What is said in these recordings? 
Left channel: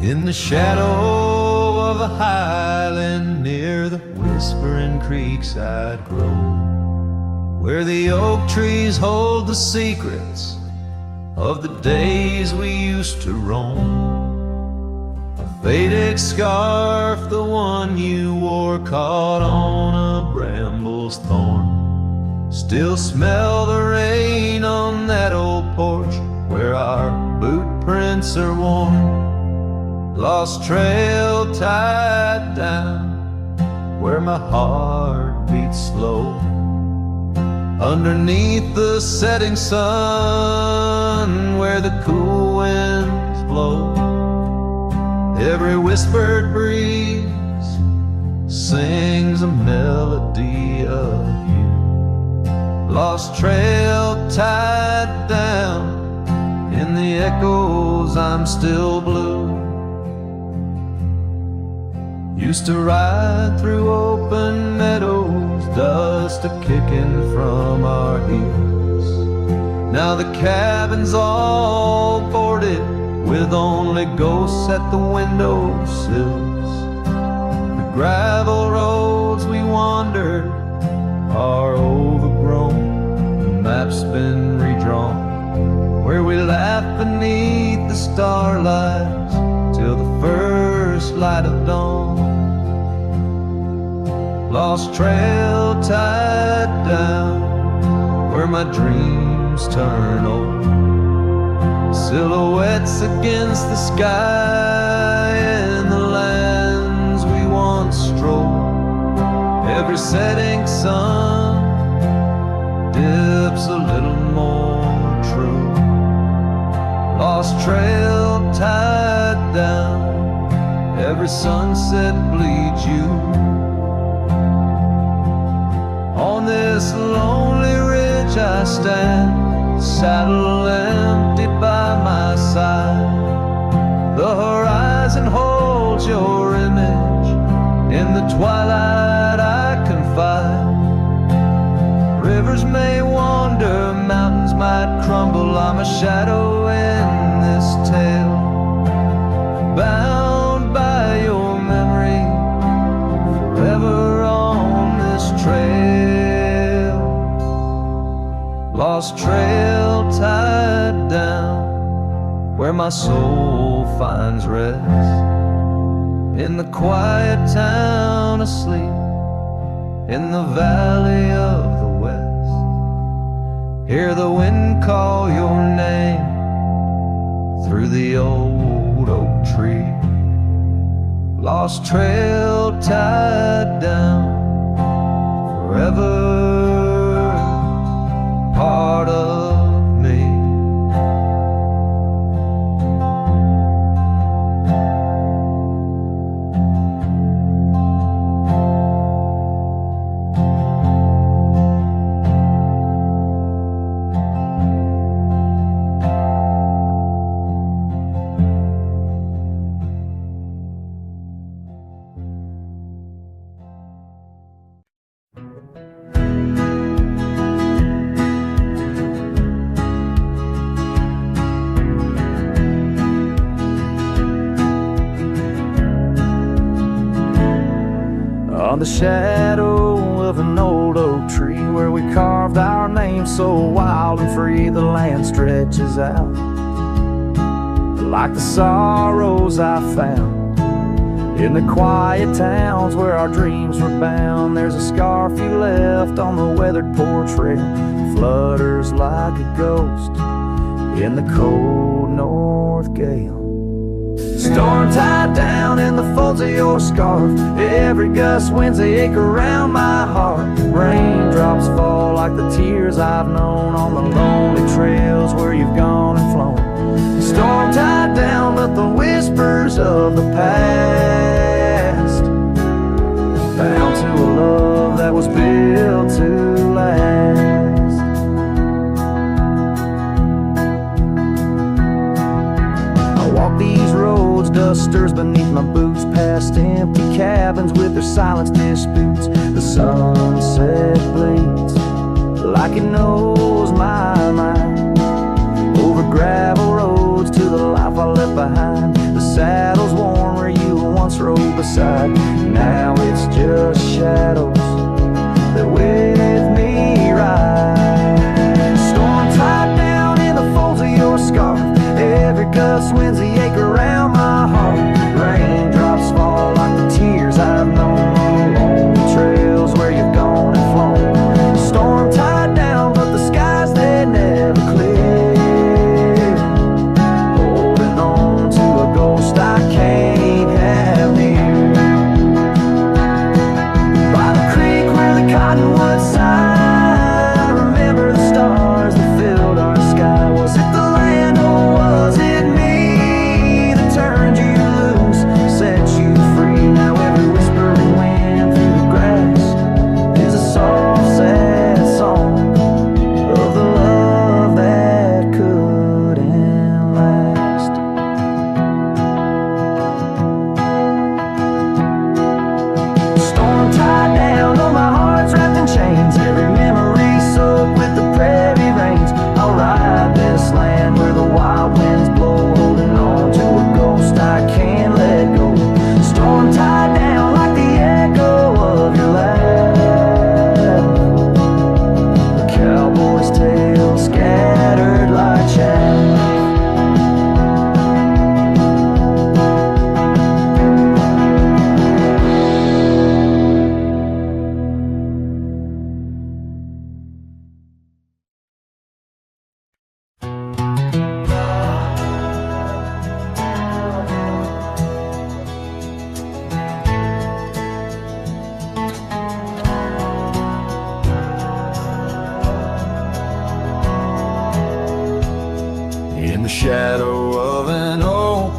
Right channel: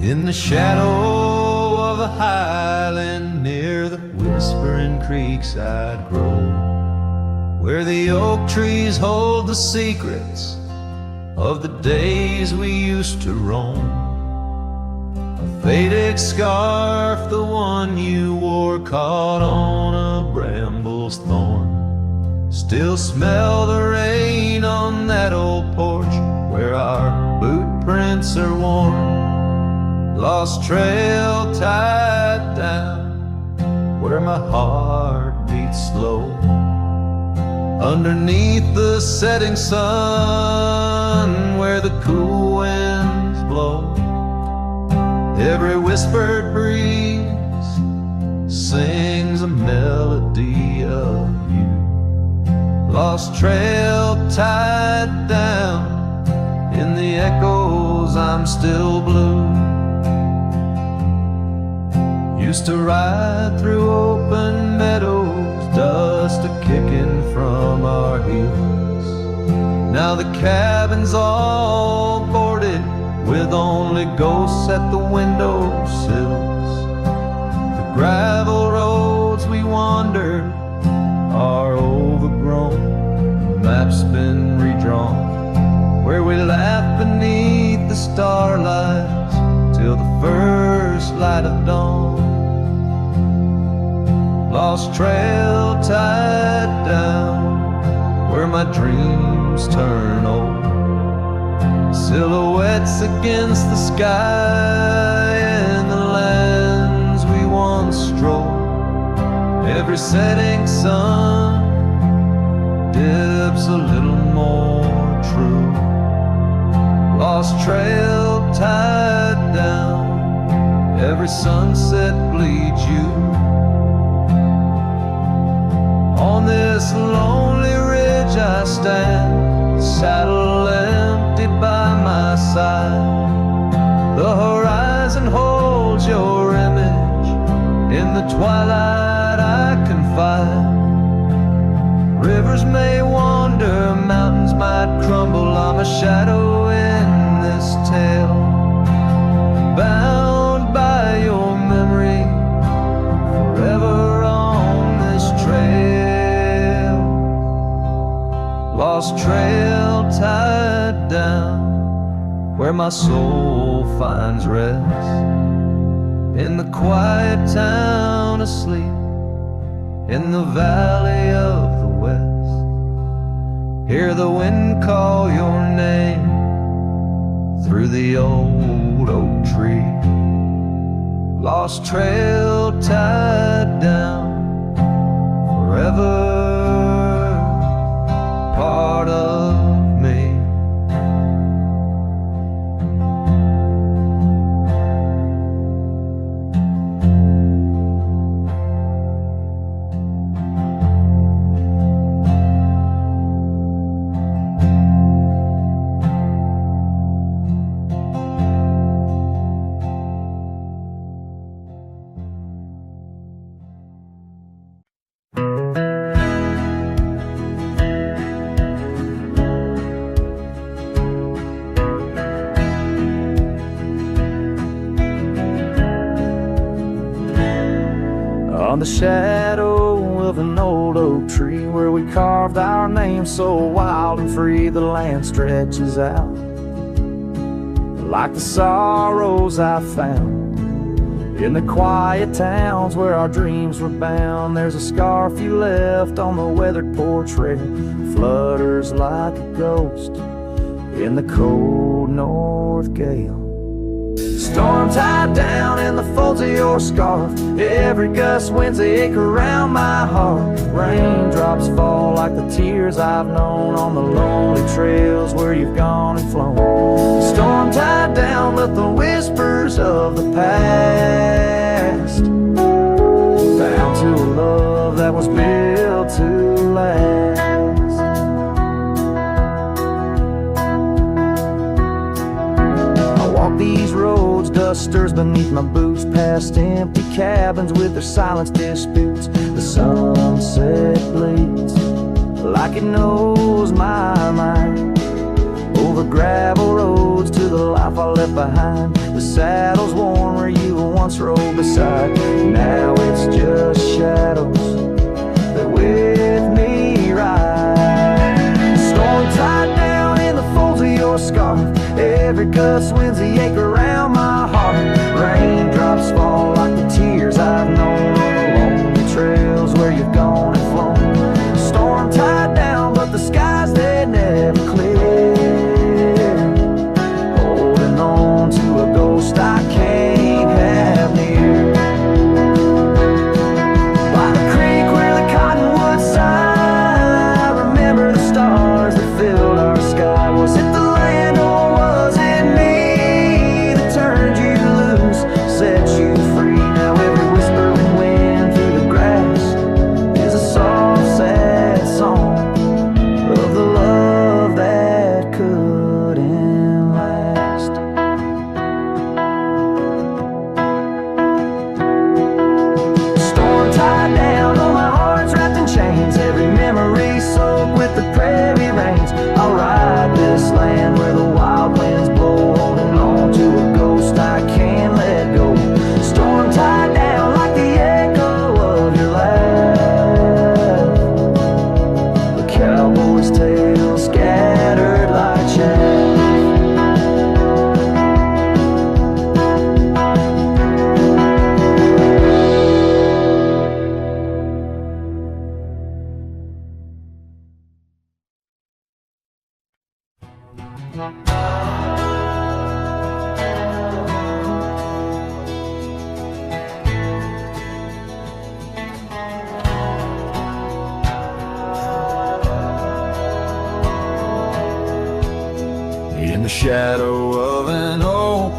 In the shadow of a highland near the whispering creekside grove, where the oak trees hold the secrets of the days we used to roam. A faded scarf, the one you wore, caught on a bramble's thorn. Still smell the rain on that old porch where our boot prints are worn. Lost trail tied down where my heart beats slow. Underneath the setting sun where the cool winds blow. Every whispered breeze sings a melody of you. Lost trail tied down, in the echoes I'm still blue. Used to ride through open meadows, dust a-kicking from our heels. Now the cabin's all boarded, with only ghosts at the windowsills. The gravel roads we wandered are overgrown, the map's been redrawn, where we laugh beneath the starlights till the first light of dawn. Lost trail tied down where my dreams turn old. Silhouettes against the sky and the lands we once strolled. Every setting sun dips a little more true. Lost trail tied down, every sunset bleeds you. On this lonely ridge I stand, saddle empty by my side. The horizon holds your image, in the twilight I confide. Rivers may wander, mountains might crumble, I'm a shadow in this tale, bound by your memory, forever on this trail. Lost trail tied down, where my soul finds rest, in the quiet town asleep, in the valley of the west. Hear the wind call your name through the old oak tree. Lost trail tied down, forever part of me. On the shadow of an old oak tree, where we carved our name so wild and free, the land stretches out like the sorrows I found in the quiet towns where our dreams were bound. There's a scarf you left on the weathered porch rail, flutters like a ghost in the cold north gale. Storm tied down in the folds of your scarf, every gust winds they ache around my heart. Raindrops fall like the tears I've known on the lonely trails where you've gone and flown. Storm tied down with the whispers of the past, bound to a love that was built to last. Walk these roads, dusters beneath my boots, past empty cabins with their silence disputes. The sunset bleeds like it knows my mind, over gravel roads to the life I left behind. The saddle's worn where you once rode beside. Now it's just shadows that with me ride. Storm tied down in the folds of your scarf. Every gust winds the ache around my heart. Raindrops fall like the tears I've known on the lonely trails where you've gone and flown. Storm tied down, but the skies they never clear. Holding on to a ghost I can't have near. By the creek where the cottonwoods sigh, I remember the stars that filled our sky. Was it the land or was it me that turned you loose, set you free? Now every whispering wind through the grass is a soft, sad song of the love that couldn't last. Storm tied down, oh my heart's wrapped in chains. Every memory soaked with the prairie rains. I'll ride this land where the wild winds blow, holding on to a ghost I can't let go. Storm tied down like the echo of your laugh, a cowboy's tale scattered like chaff. In the shadow of an oak,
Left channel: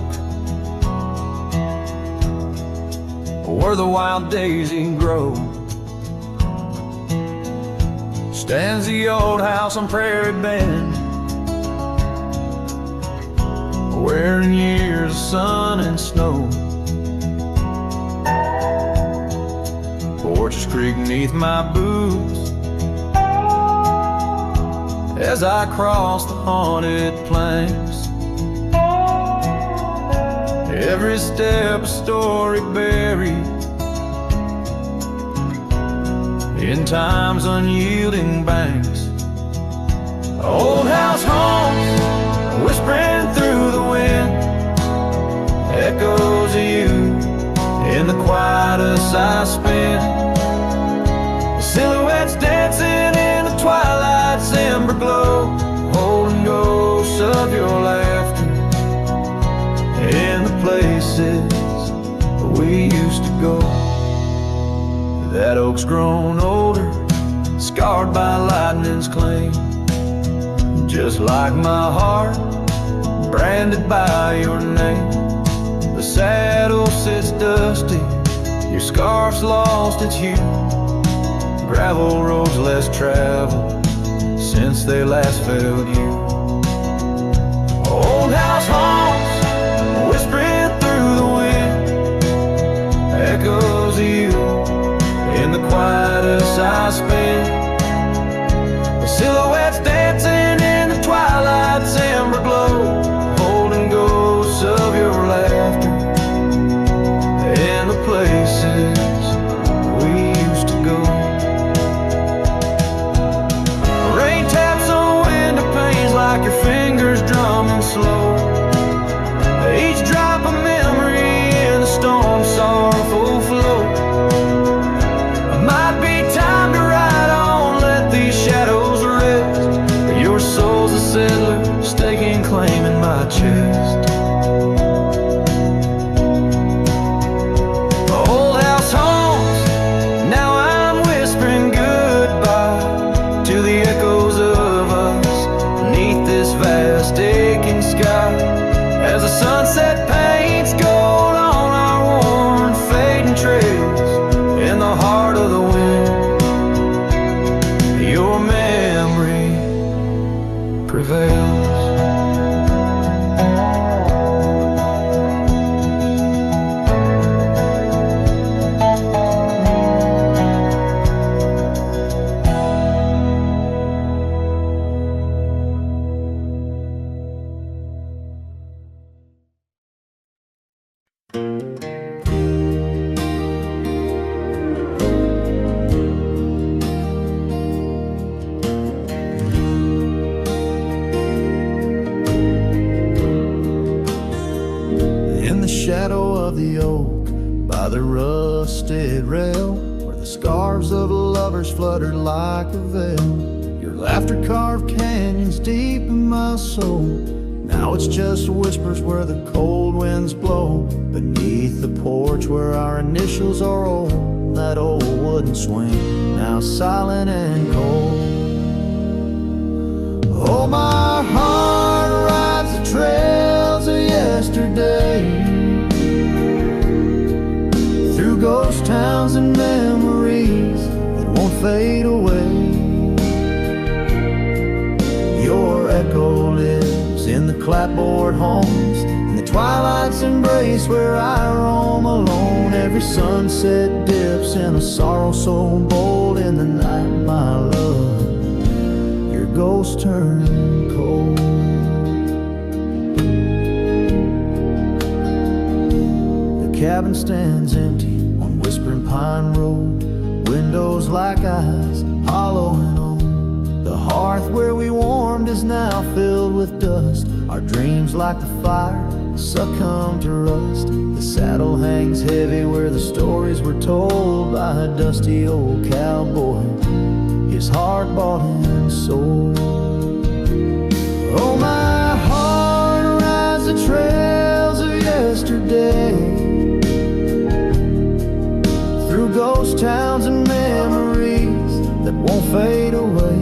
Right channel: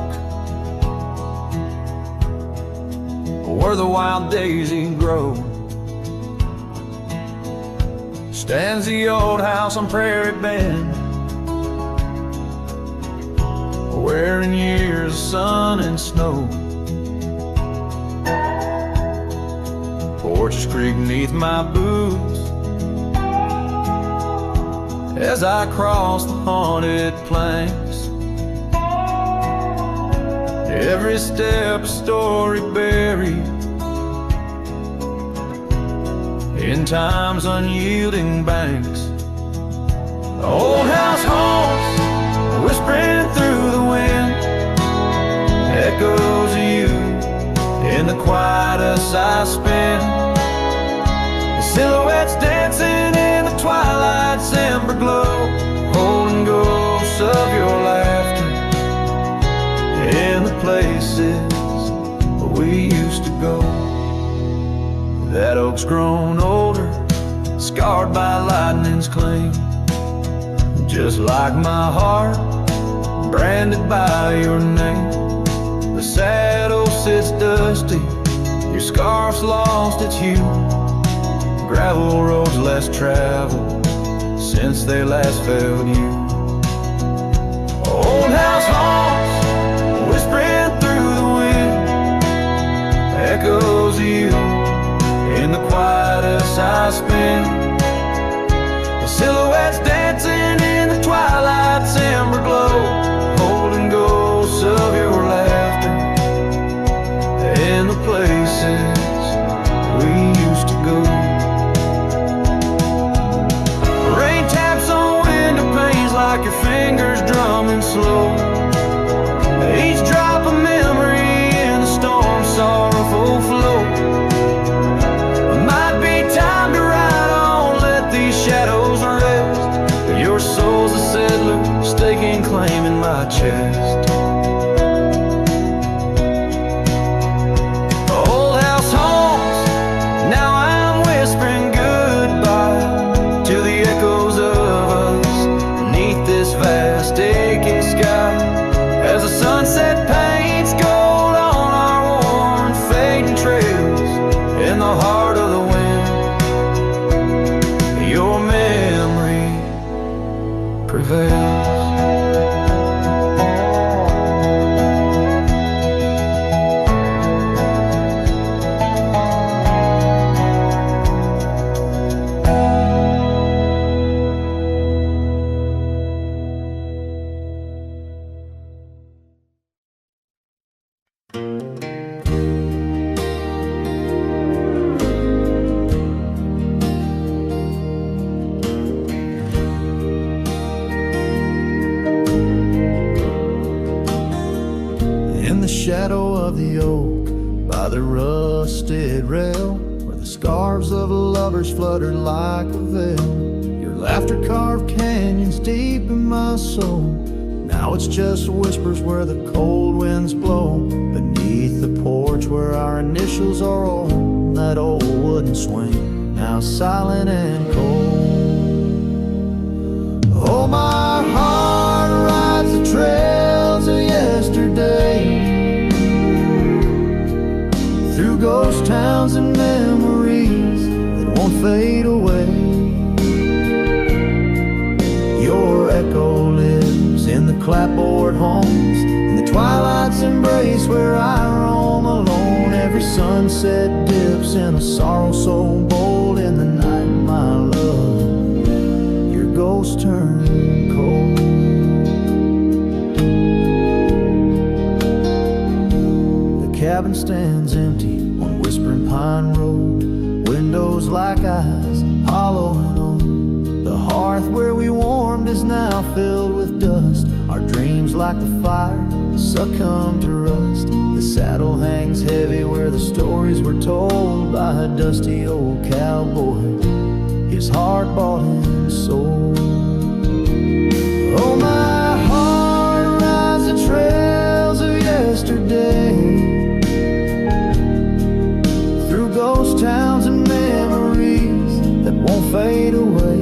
where the wild daisy grows, stands the old house on Prairie Bend, where in years of sun and snow porches creak neath my boots as I cross the haunted planks. Every step a story buried in time's unyielding banks. Old house haunts, whispering through the wind, echoes of you in the quietest I spend. The silhouettes dancing in the twilight's ember glow, holding ghosts of your laughter in the places we used to go. That oak's grown older, scarred by lightning's cling, just like my heart, branded by your name. The saddle sits dusty, your scarf's lost its hue, gravel roads less traveled since they last felt you. Old house haunts, whispering through the wind, echoes of you in the quietest I spend. The silhouettes dancing in the twilight's ember glow, holding ghosts of your laughter in the places we used to go. Rain taps on window panes like your fingers drumming slow, each drop a memory in the storm's sorrowful flow. Might be time to ride on, let these shadows rest. Your soul's a settler, staking claim in my chest. Old house haunts, now I'm whispering goodbye to the echoes of us beneath this vast aching sky, as the sunset paints gold on our worn fading trails. In the heart of the wind, your memory prevails. shadow of the oak by the rusted rail, where the scarves of lovers fluttered like a veil. Your laughter carved canyons deep in my soul. Now it's just whispers where the cold winds blow. Beneath the porch where our initials are old, that old wooden swing, now silent and cold. Oh, my heart rides the trails of yesterday, through ghost towns and memories that won't fade away. Your echo lives in the clapboard homes, in the twilight's embrace where I roam alone. Every sunset dips in a sorrow so bold. In the night, my love, your ghost turned cold. The cabin stands empty on Whispering Pine Road, windows like eyes, hollow and old. The hearth where we warmed is now filled with dust. Our dreams like the fire succumb to rust. The saddle hangs heavy where the stories were told by a dusty old cowboy, his heart bought and sold. Oh, my heart rides the trails of yesterday, through ghost towns and memories that won't fade away.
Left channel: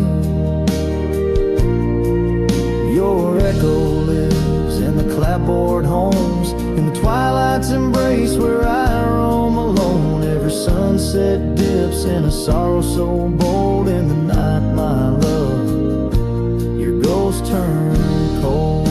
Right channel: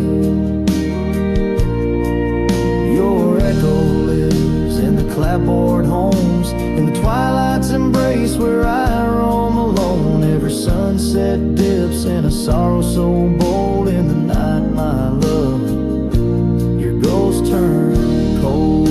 Your echo lives in the clapboard homes, in the twilight's embrace where I roam alone. Every sunset dips in a sorrow so bold. In the night, my love, your ghost turned cold.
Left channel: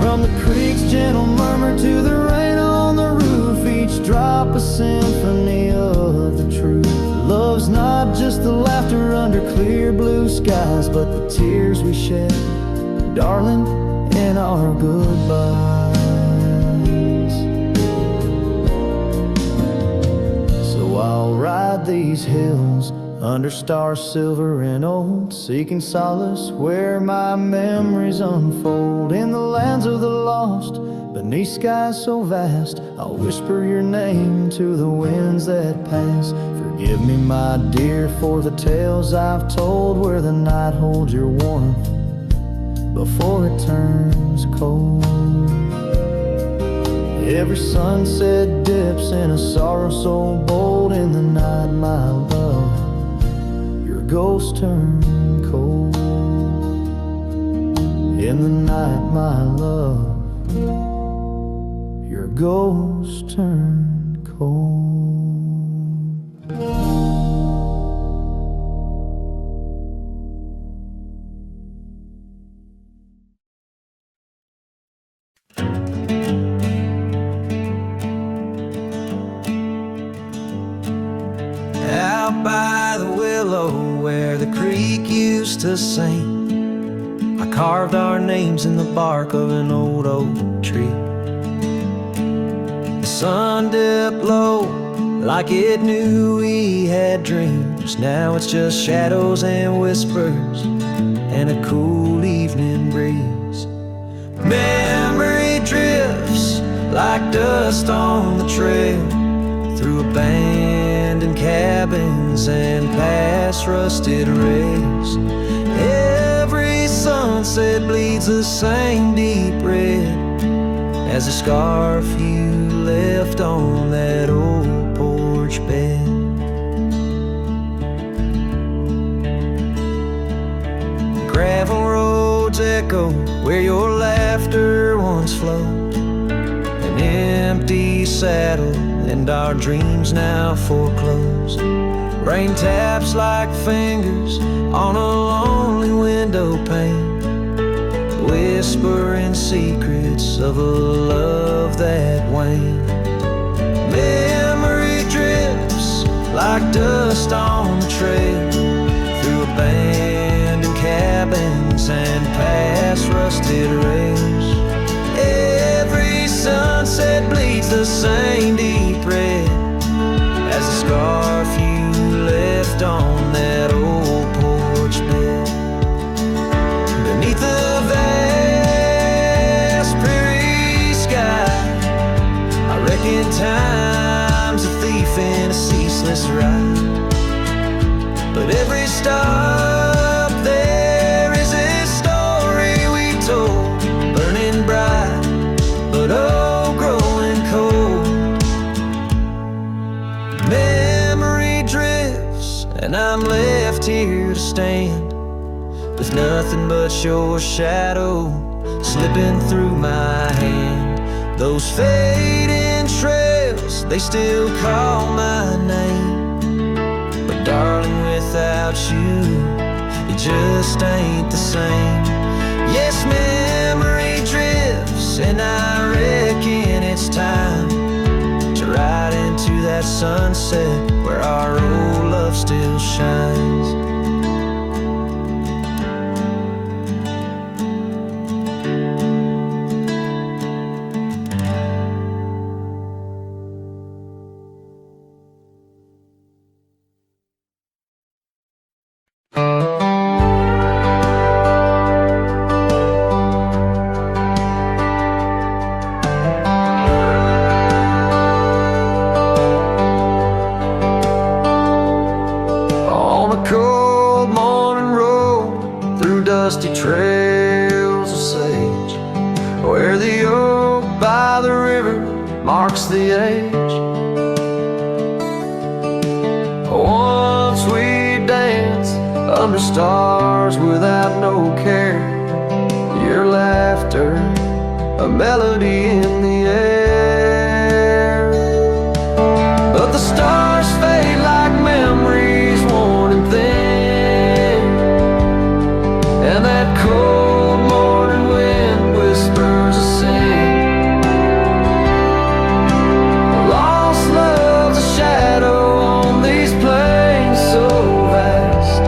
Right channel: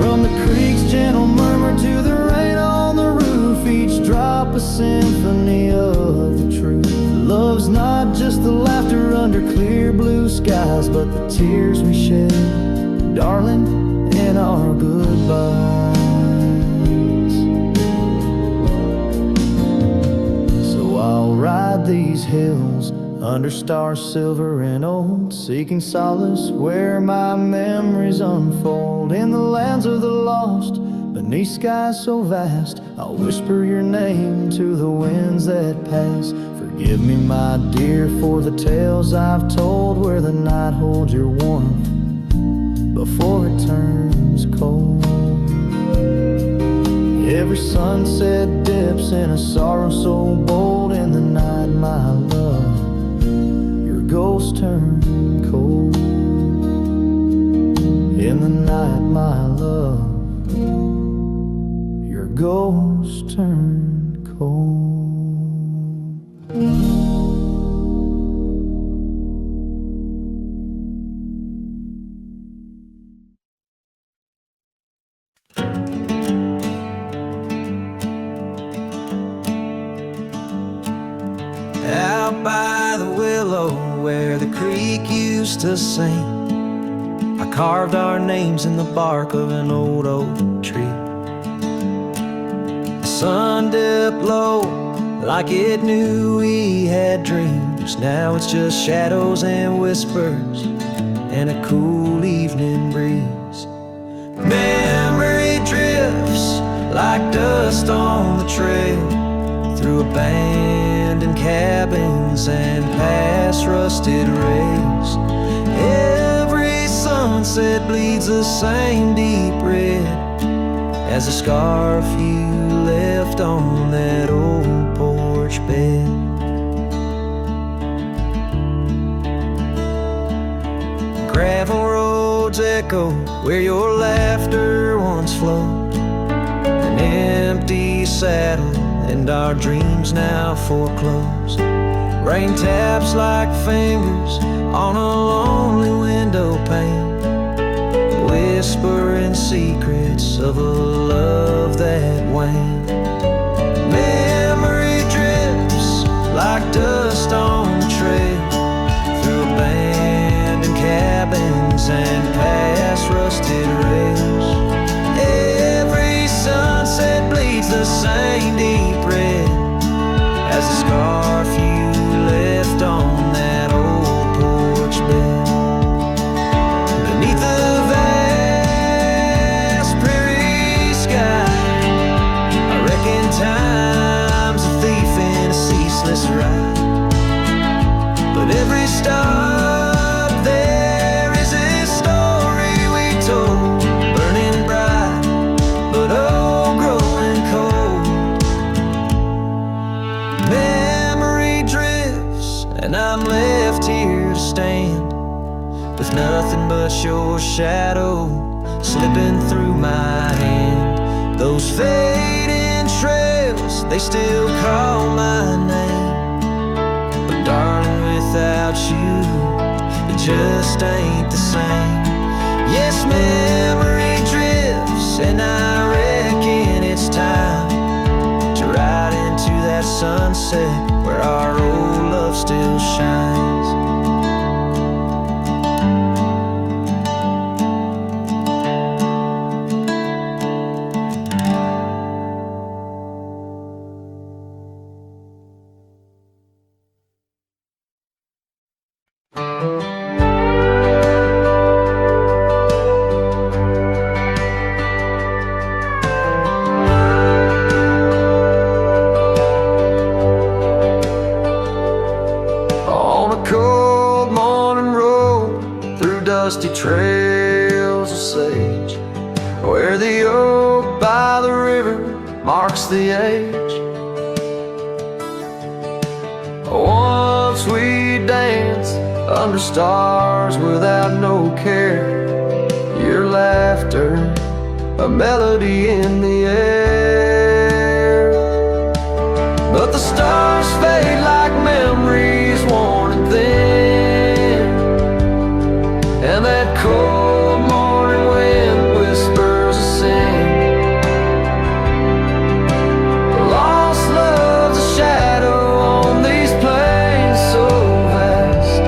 From the creek's gentle murmur to the rain on the roof, each drop a symphony of the truth. Love's not just the laughter under clear blue skies, but the tears we shed, darling, in our goodbyes. So I'll ride these hills under stars silver and old, seeking solace where my memories unfold. In the lands of the lost, beneath skies so vast, I'll whisper your name to the winds that pass. Forgive me, my dear, for the tales I've told, where the night holds your warmth before it turns cold. Every sunset dips in a sorrow so bold. In the night, my love, your ghost turned cold. In the night, my love, your ghost turned cold. Out by the willow where the creek used to sing, I carved our names in the bark of an old oak tree. The sun dipped low like it knew we had dreams. Now it's just shadows and whispers and a cool evening breeze. Memory drifts like dust on the trail, through abandoned cabins and past rusted rails. Every sunset bleeds the same deep red as the scarf you left on that old porch bed. Gravel roads echo where your laughter once flowed, an empty saddle and our dreams now foreclosed. Rain taps like fingers on a lonely window pane, whispering secrets of a love that waned. Memory drifts like dust on the trail, through abandoned cabins and past rusted rails. Every sunset bleeds the same deep red as the scarf you left on that old porch bed. Beneath the vast prairie sky, this ride. But every stop there is a story we told, burning bright, but oh, growing cold. Memory drifts, and I'm left here to stand, with nothing but your shadow slipping through my hand. Those fading trails, they still call my name, but darling, without you, it just ain't the same. Yes, memory drifts, and I reckon it's time to ride into that sunset where our old love still shines. On a cold morning road through dusty trails of sage, where the oak by the river marks the age. Once we danced under stars without no care, your laughter, a melody in the air. But the stars fade like memories worn and thin, and that cold morning wind whispers a sin. Lost love's a shadow on these plains so vast,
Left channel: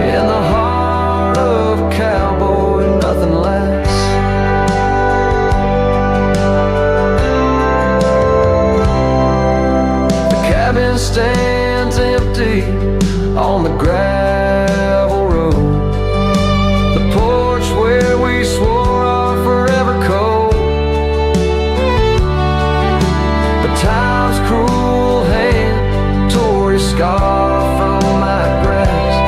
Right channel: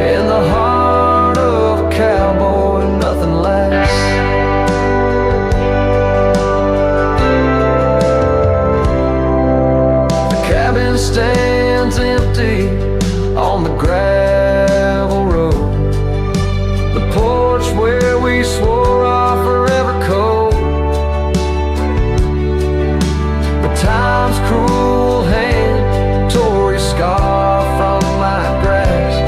in the heart of a cowboy nothing lasts. Cabin stands empty on the gravel road, the porch where we swore our forever code. But time's cruel hand tore your scar from my grasp.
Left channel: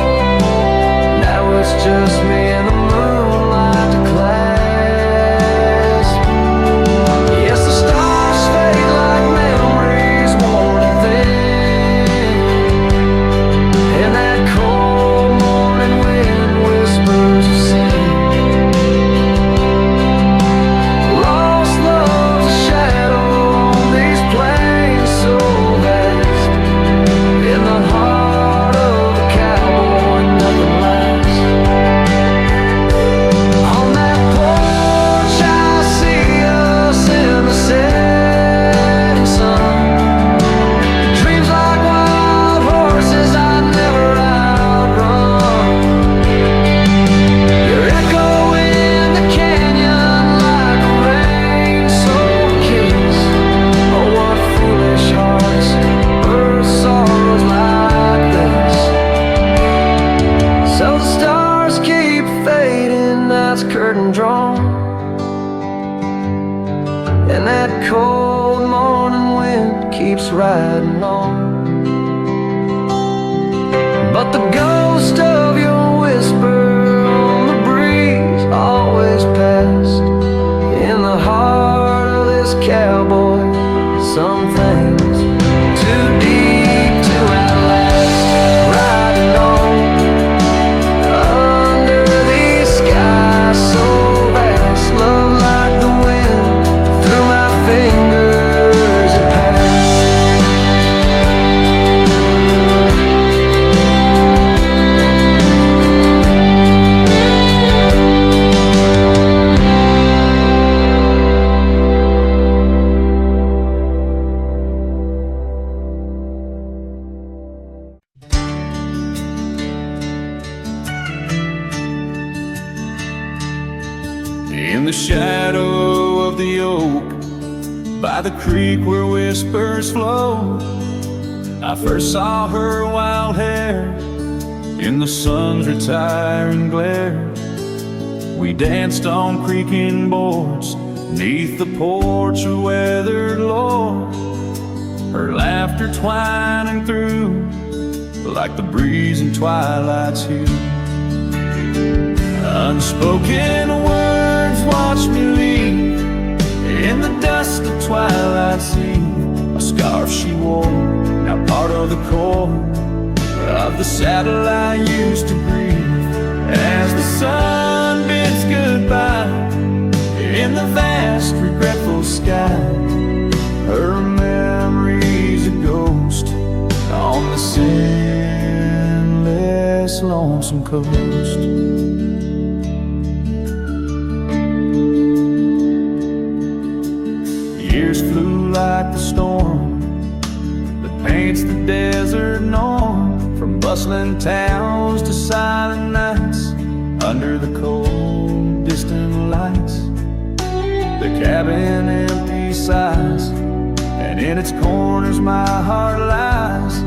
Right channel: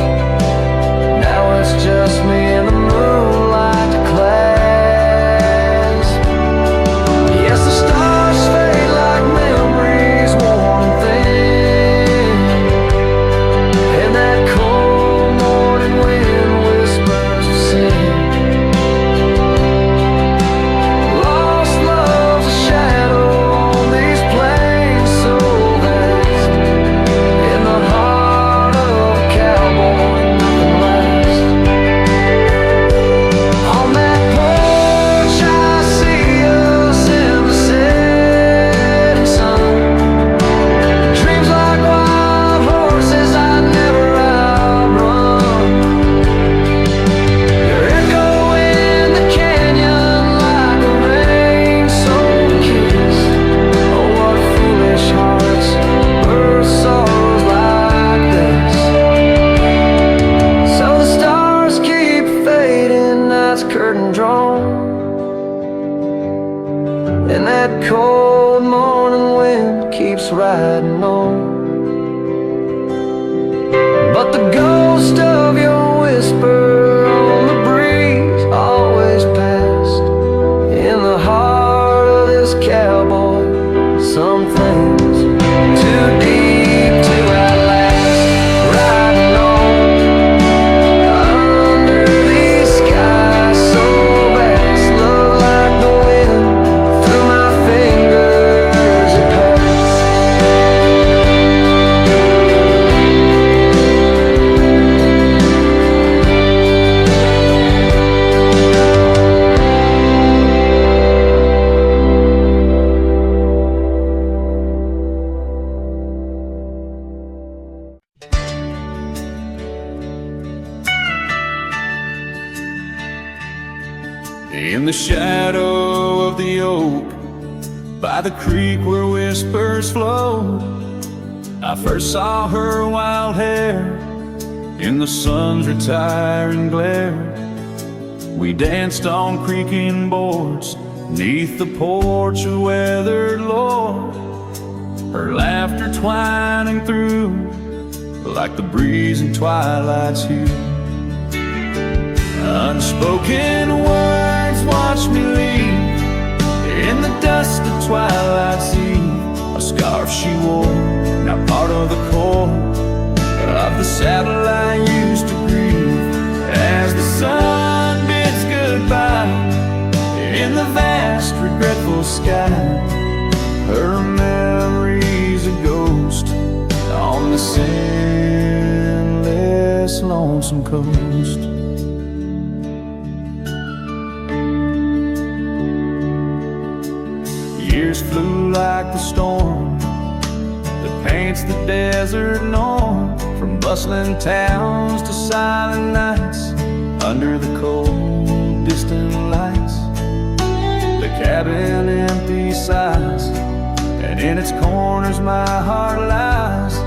Now it's just me and the moonlight to clasp. Yes, the stars fade like memories worn and thin, and that cold morning wind whispers of sin. Lost love's a shadow on these plains so vast, in the heart of a cowboy nothing lasts. On that porch I see us in the setting sun, dreams like wild horses I never outrun. Your echo in the canyon like a rain-soaked kiss. Oh, what foolish hearts birth sorrows like this. So the stars keep fading, that's curtain drawn, and that cold morning wind keeps riding on. But the ghost of your whisper on the breeze always passed, in the heart of this cowboy, some things too deep to outlast. Riding on under these skies so vast, love like the wind through my fingers it passed. In the shadow of the oak, by the creek where whispers flow, I first saw her wild hair in the sun's retiring glare. We danced on creaking boards neath the porch of weathered lore, her laughter twining through like the breeze in twilight's hue. Unspoken words watch me leave in the dust of twilight's eve. A scarf she wore, now part of the core of the saddle I used to grieve. As the sun bids goodbye in the vast regretful sky, her memory's a ghost on this endless lonesome coast. Years flew like the storm that paints the desert norm, from bustling towns to silent nights under the cold distant lights. The cabin empty sighs, and in its corners my heart lies.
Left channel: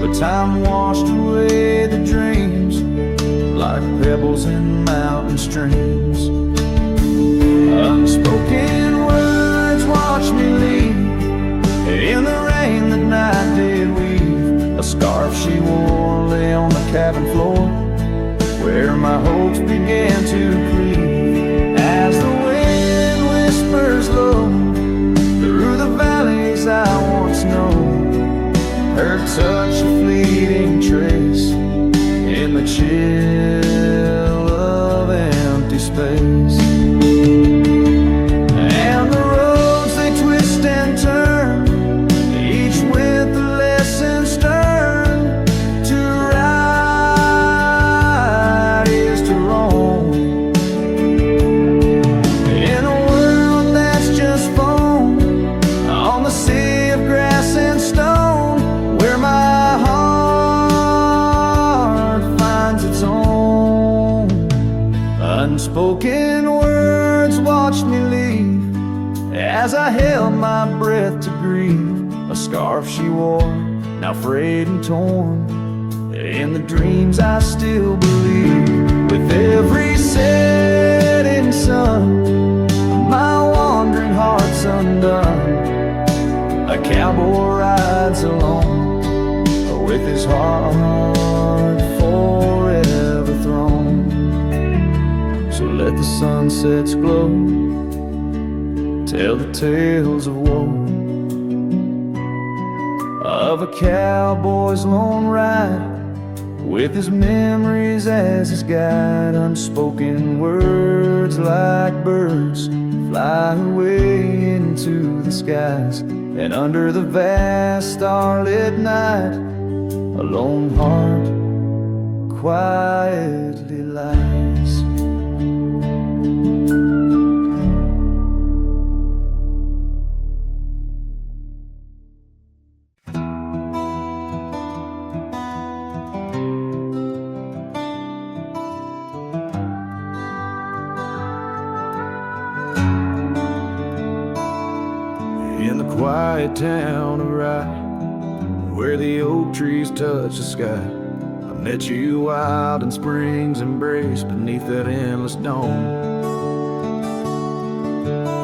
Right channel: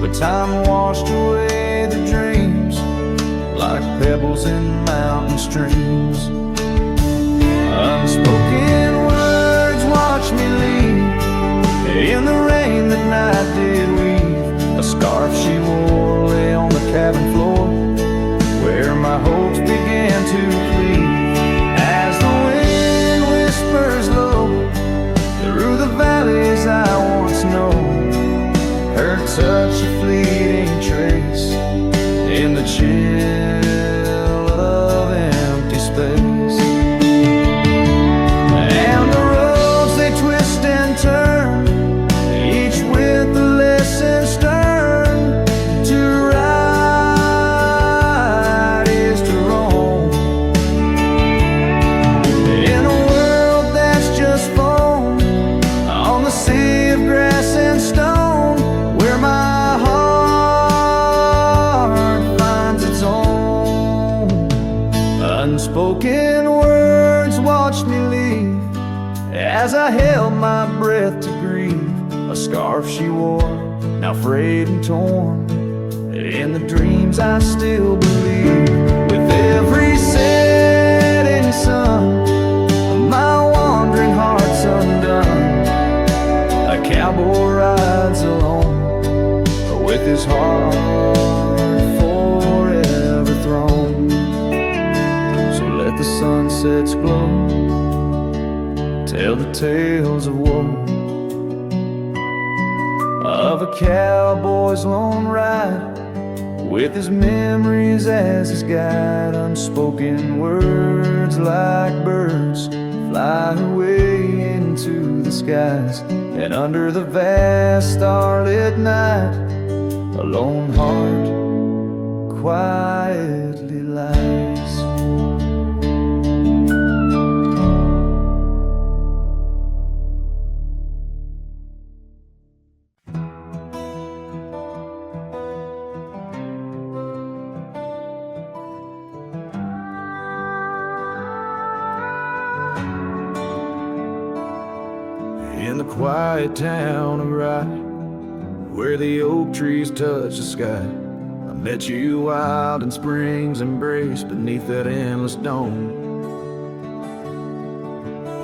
But time washed away the dreams like pebbles in mountain streams. Unspoken words watch me leave in the rain that night did weave. A scarf she wore lay on the cabin floor where my hopes began to cleave. As the wind whispers low through the valleys I once known, her touch a fleeting trace in the chill of empty space. And the roads they twist and turn, each with a lesson stern. To ride is to roam in a world that's just foam on the sea of grass and stone, where my heart finds its own. Unspoken words watched me leave as I held my breath to grieve. A scarf she wore, now frayed and torn, in the dreams I still believe. With every setting sun, my wandering heart's undone. A cowboy rides alone, with his heart forever thrown. So let the sunsets glow, tell the tales of woe, of a cowboy's lone ride, with his memories as his guide. Unspoken words like birds fly away into the skies, and under the vast starlit night a lone heart quietly lies. In the quiet town of Rye, where the oak trees touch the sky, I met you wild in spring's embrace beneath that endless dome.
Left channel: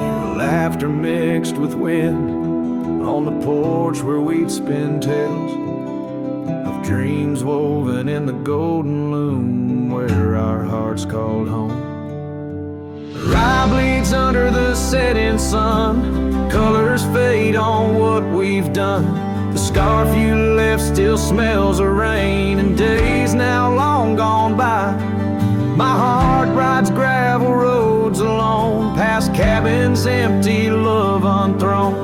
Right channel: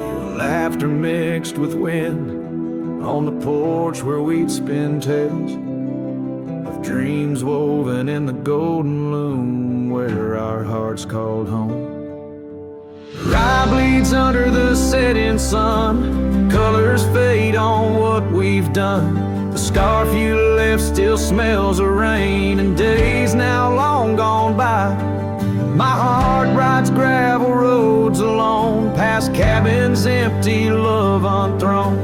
Your laughter mixed with wind on the porch where we'd spin tales of dreams woven in the golden loom where our hearts called home. Rye bleeds under the setting sun, colors fade on what we've done. The scarf you left still smells of rain and days now long gone by. My heart rides gravel roads alone, past cabins empty, love unthrown.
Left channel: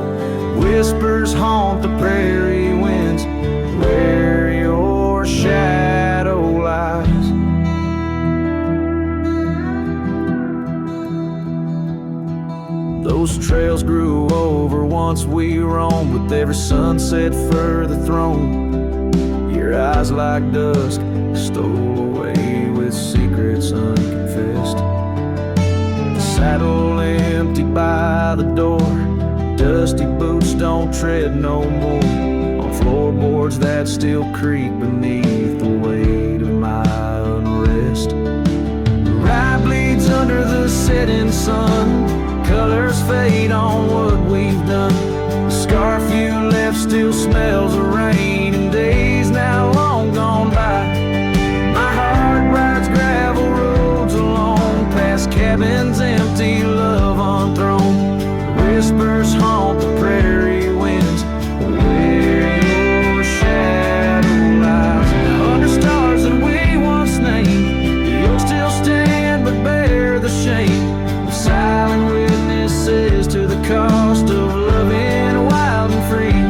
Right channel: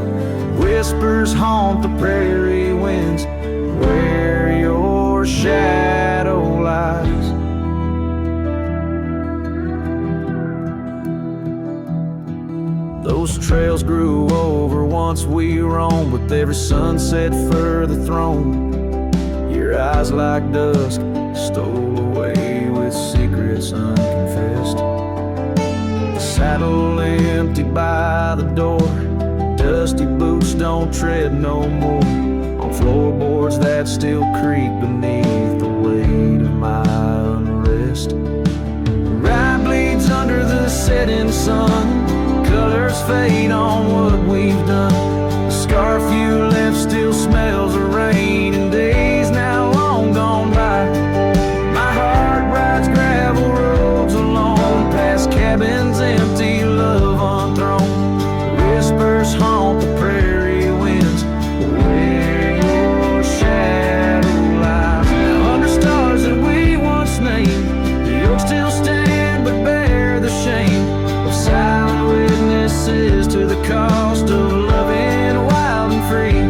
Whispers haunt the prairie winds where your shadow lies. Those trails grew over once we roamed, with every sunset further thrown. Your eyes like dusk stole away with secrets unconfessed. The saddle empty by the door, dusty boots don't tread no more on floorboards that still creak beneath the weight of my unrest. Rye bleeds under the setting sun, colors fade on what we've done. The scarf you left still smells of rain and days now long gone by. My heart rides gravel roads alone, past cabins empty, love unthrown. Whispers haunt the prairie winds where your shadow lies. Now under stars that we once named, the oaks still stand but bear the shame of silent witnesses to the cost of loving wild and free.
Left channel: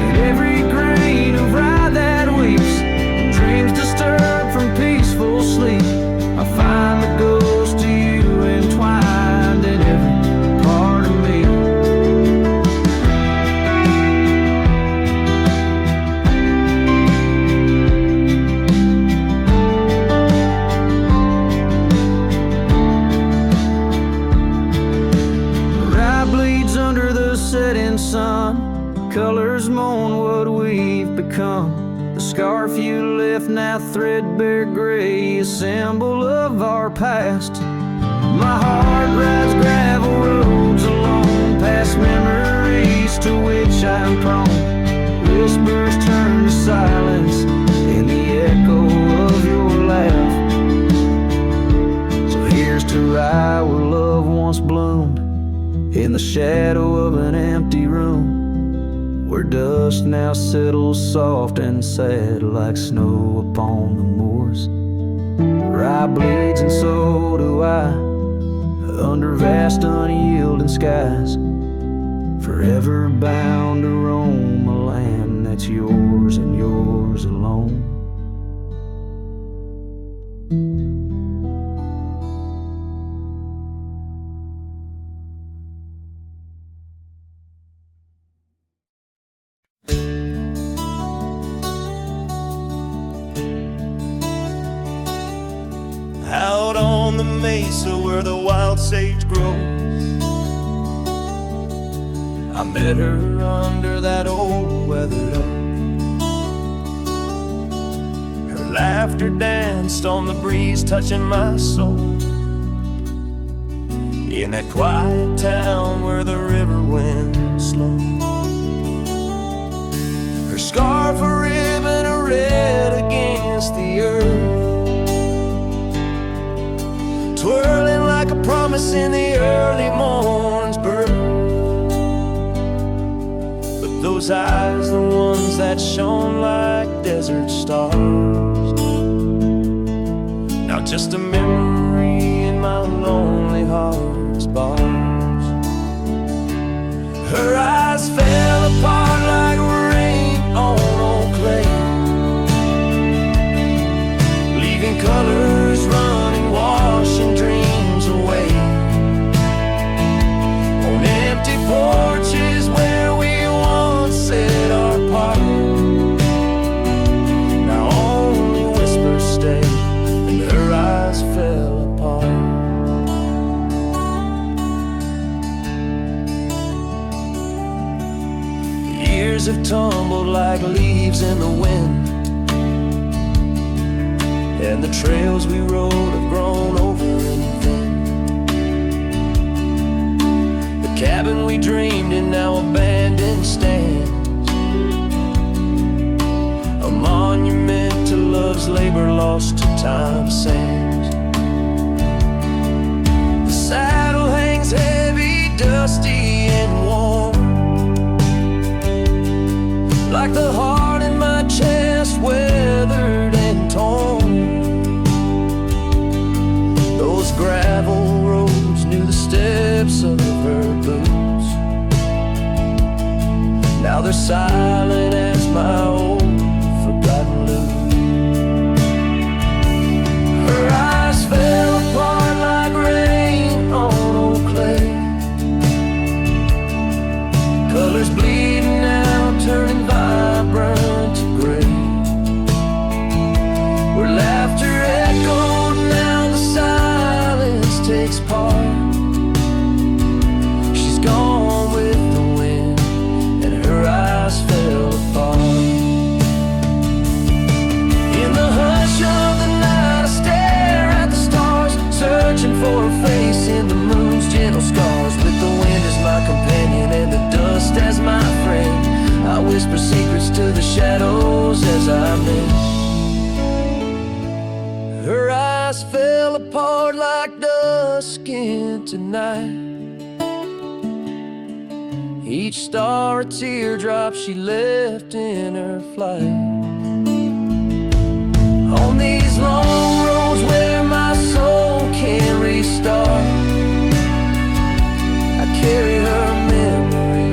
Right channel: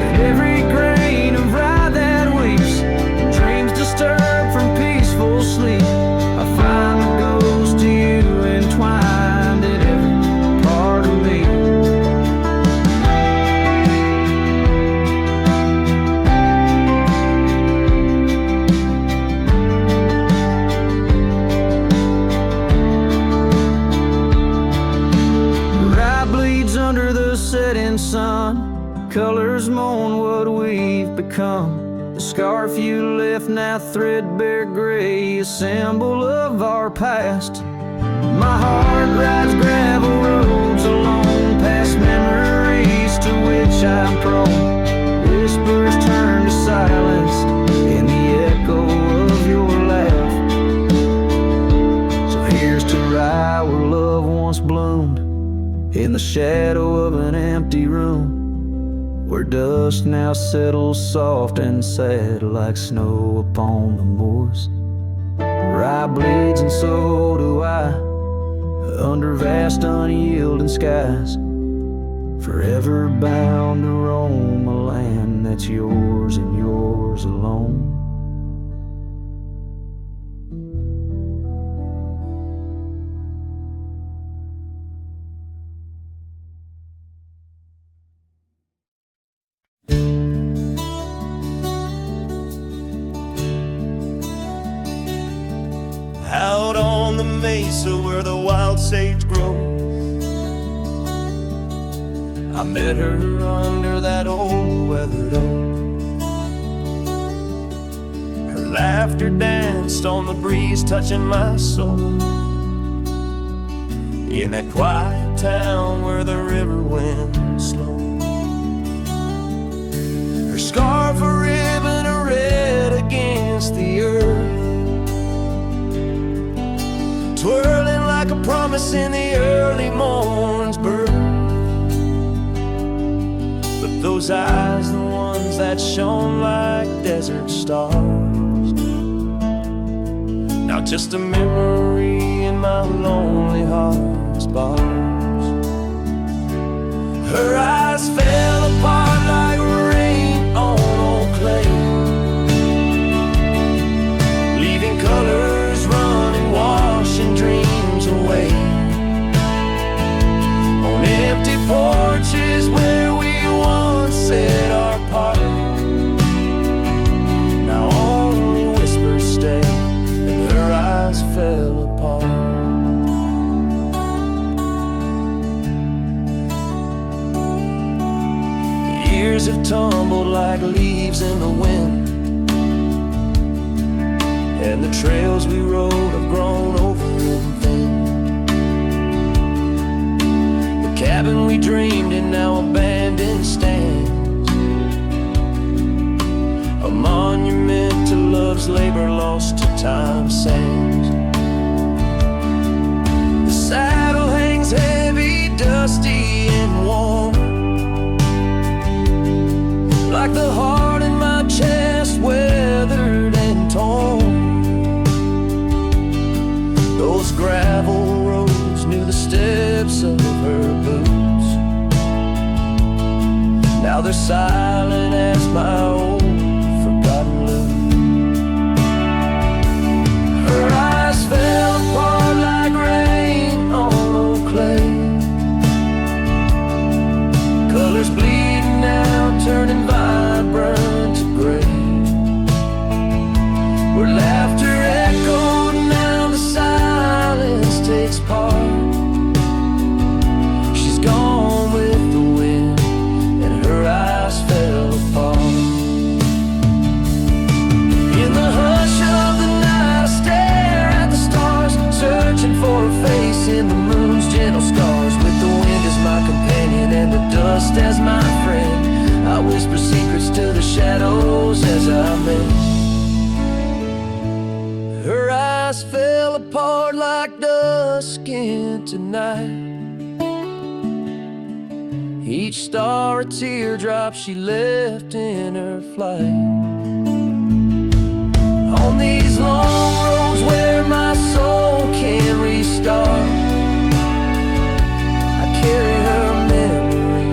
In every grain of rye that weeps, and dreams disturbed from peaceful sleep, I find the ghost of you entwined in every part of me. Rye bleeds under the setting sun, colors mourn what we've become. The scarf you left now threadbare gray, a symbol of our past. My heart rides gravel roads alone, past memories to which I'm prone. Whispers turn to silence in the echo of your laugh. So here's to rye where love once bloomed, in the shadow of an empty room, where dust now settles soft and sad like snow upon the moors. Rye bleeds and so do I, under vast unyielding skies, forever bound to roam a land that's yours and yours alone. Out on the mesa where the wild sage grows, I met her under that old weathered oak. Her laughter danced on the breeze, touching my soul. In that quiet town where the river winds slow, her scarf a ribbon of red against the earth, twirling like a promise in the early morn's birth. But those eyes, the ones that shone like desert stars, now just a memory in my lonely heart's bars. Her eyes fell apart like rain on old clay, leaving colors running, washing dreams away. On empty porches where we once said our part, now only whispers stay, and her eyes fell apart. The years have tumbled like leaves in the wind, and the trails we rode have grown over and thin. The cabin we dreamed in now abandoned stands, a monument to love's labor lost to time's sands. The saddle hangs heavy, dusty and warm, like the heart in my chest, weathered and torn. Those gravel roads knew the steps of her boots, now they're silent as my old forgotten lute. Her eyes fell apart like rain on old clay, colors bleeding now, turning vibrant to gray. Where laughter echoed, now the silence takes part. She's gone with the wind, and her eyes fell apart. In the hush of the night, I stare at the stars, searching for her face in the moon's gentle scars. With the wind as my companion and the dust as my friend, I whisper secrets to the shadows as I mend. Her eyes fell apart like dusk into night, each star a teardrop she left in her flight. On these long roads where my soul can't restart, I carry her memory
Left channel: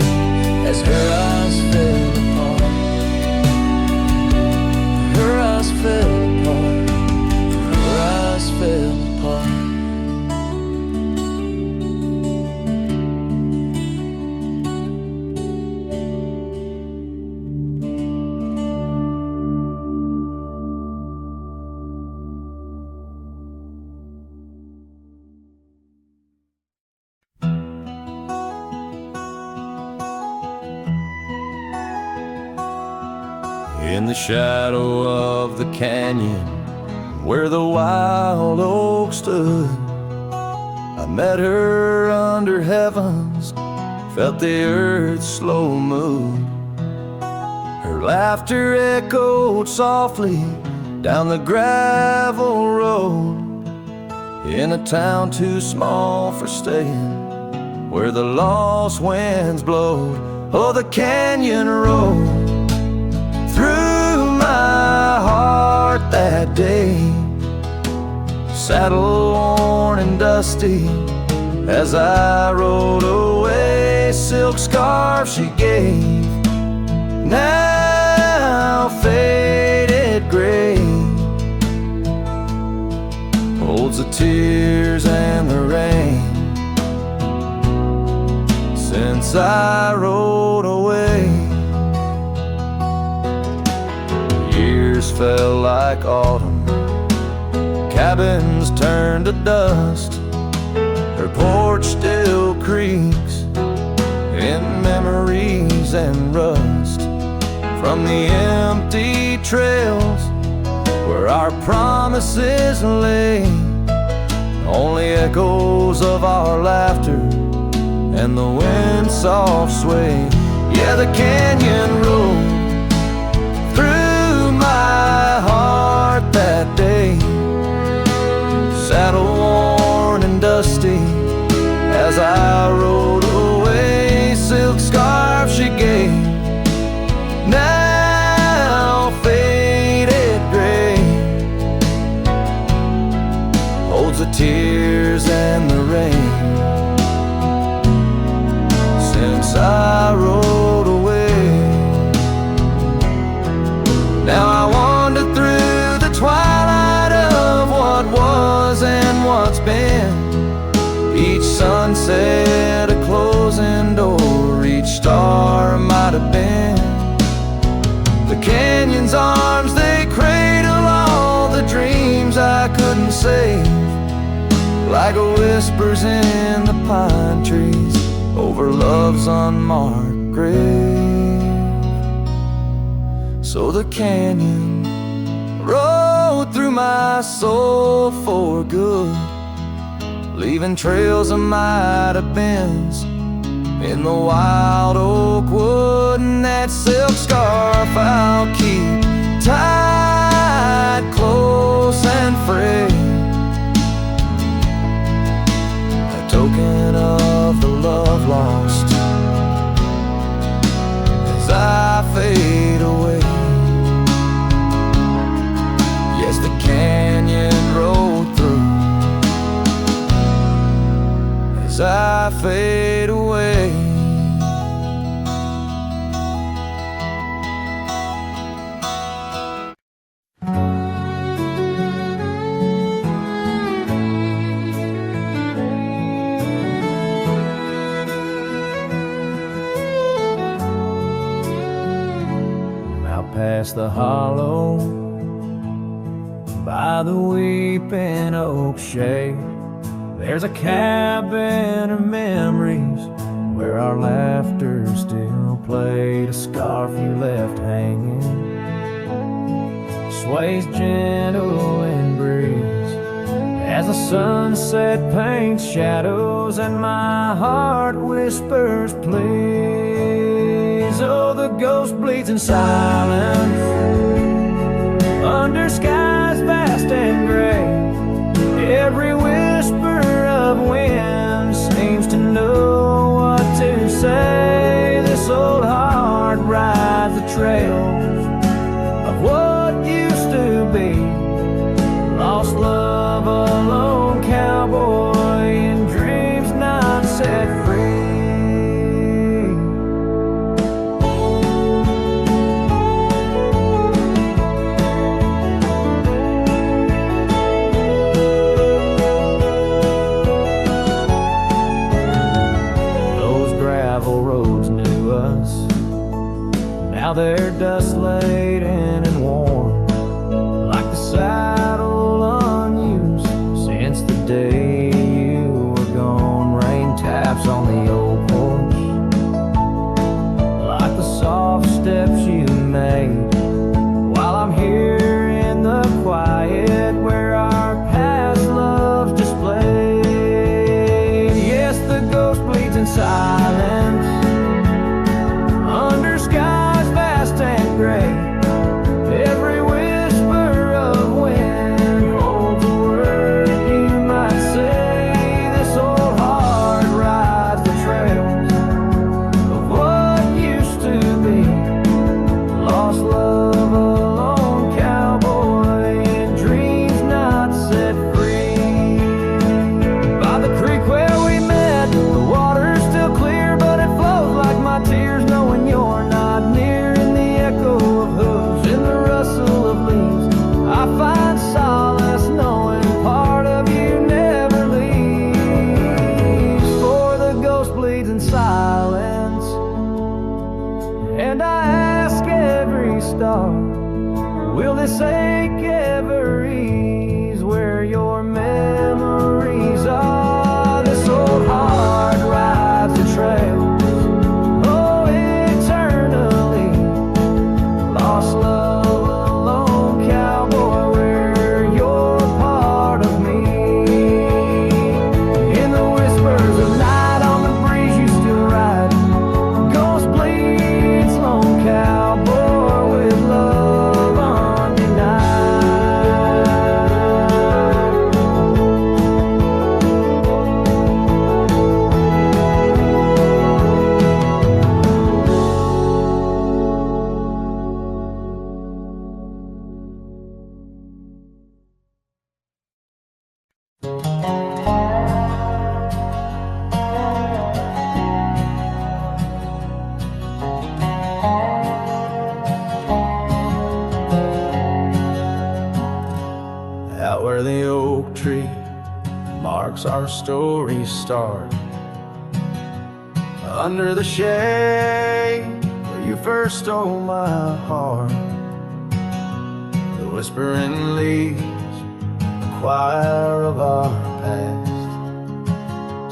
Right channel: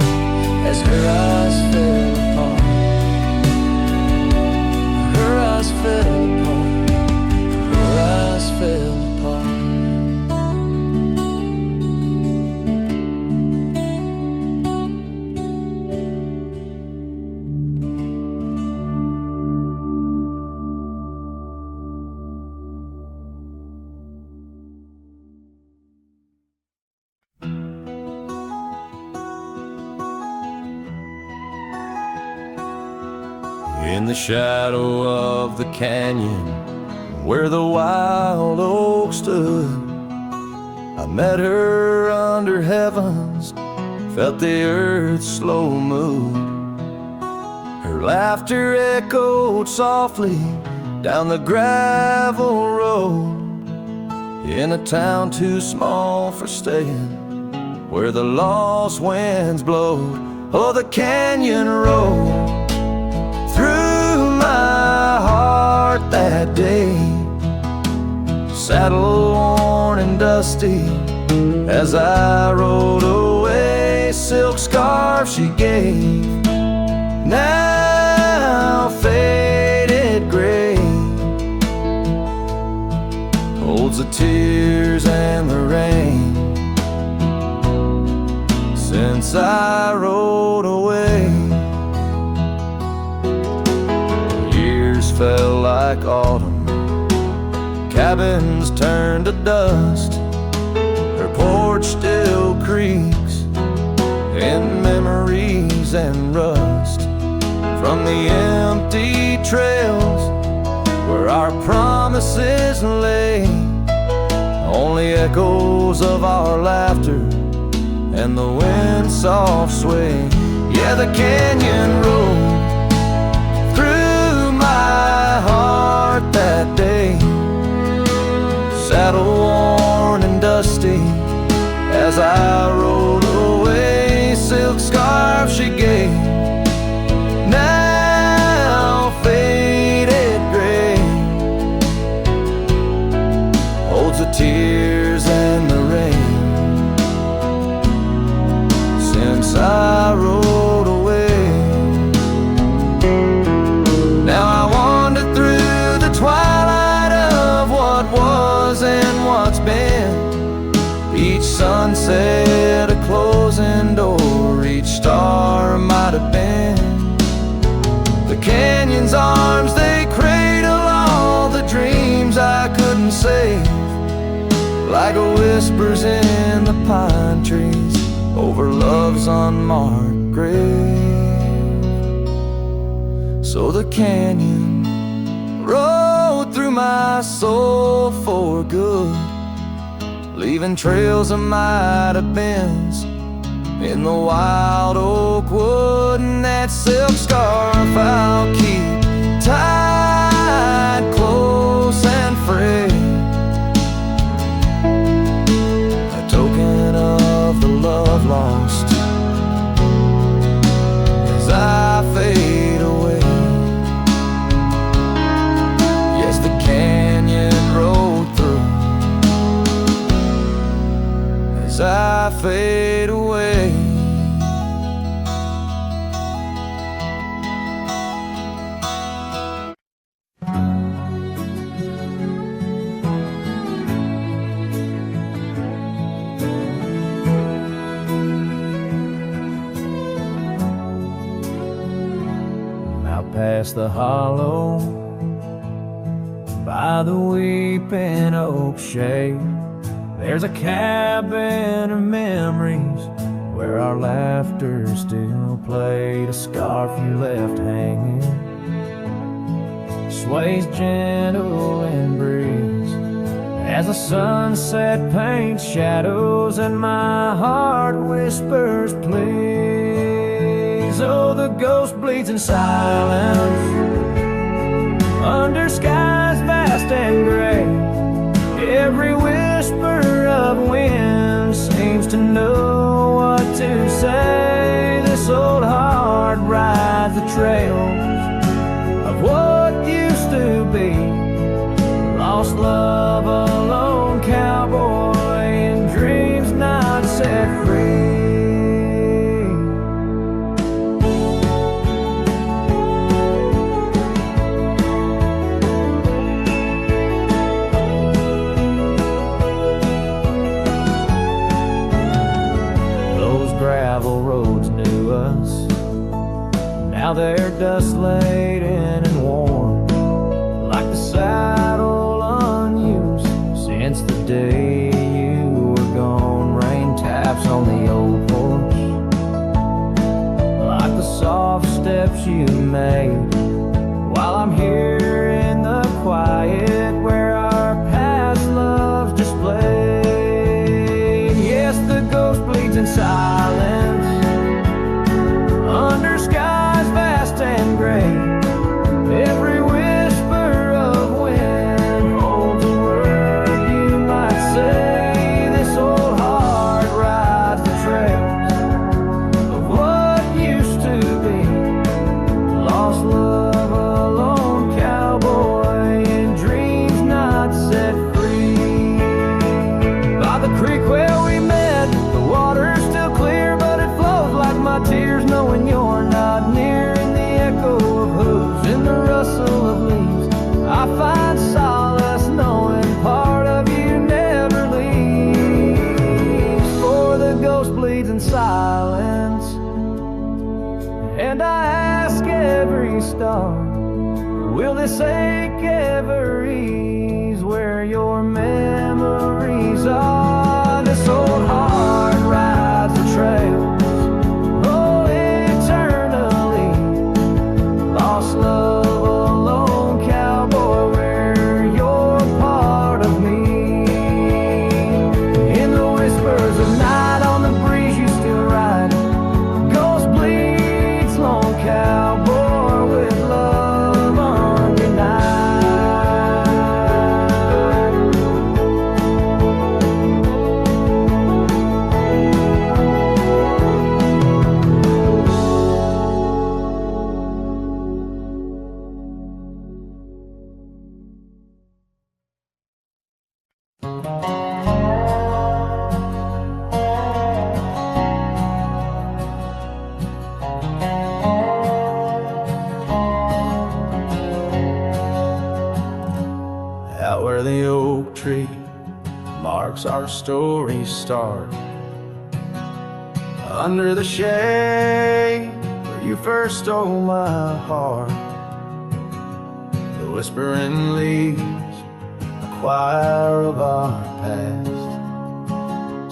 as her eyes fell apart. Her eyes fell apart. Her eyes fell apart. In the shadow of the canyon where the wild oak stood, I met her under heavens, felt the earth's slow move. Her laughter echoed softly down the gravel road, in a town too small for staying, where the lost winds blowed. Oh, the canyon rolled through my heart that day, saddle worn and dusty as I rode away. Silk scarf she gave, now faded gray, holds the tears and the rain since I rode away. Years fell like autumn, cabins turned to dust, her porch still creaks in memories and rust, from the empty trails where our promises lay, only echoes of our laughter and the wind's soft sway. Yeah, the canyon rolled through my heart that day, saddle worn and dusty as I rode away. Silk scarf she gave, now faded gray, holds the tears and the rain since I rode away. Now I wander through the twilight of what was and what's been, each sunset a closing door, each star might have been. The canyon's arms, they cradle all the dreams I couldn't save, like whispers in the pine trees over love's unmarked grave. So the canyon rode through my soul for good, leaving trails of might have beens in the wild oak wood. And that silk scarf I'll keep tied close and frayed, a token of the love lost as I fade away. Yes, the canyon rolled through as I fade away. Out past the hollow, by the weeping oak shade, there's a cabin of memories where our laughter still played. A scarf you left hanging sways gentle in breeze as the sunset paints shadows and my heart whispers please. Oh, the ghost bleeds in silence under skies vast and gray. Every whisper of wind seems to know what to say. This old heart rides the trails of what used to be. Lost love, a lone cowboy in dreams not set free. Those gravel roads knew us, now they're dust laden and worn, like the saddle unused since the day you were gone. Rain taps on the old porch like the soft steps you made, while I'm here in the quiet where our past loves displayed. Yes, the ghost bleeds in silence under skies vast and gray. Every whisper of wind holds a word you might say. This old heart rides the trails of what used to be. Lost love, a lone cowboy in dreams not set free. By the creek where we met, the water's still clear, but it flows like my tears knowing you're not near. In the echo of hooves, in the rustle of leaves, I find solace knowing part of you never leaves. For the ghost bleeds in silence, and I ask every star, will this ache ever ease where your memories are? This old heart rides the trails, oh, eternally. Lost love, a lone cowboy, where you're part of me. In the whispers of night, on the breeze you still ride. Ghost bleeds, lone cowboy, with love undenied. Out where the oak tree marks our story's start, under the shade where you first stole my heart, the whispering leaves, the choir of our past,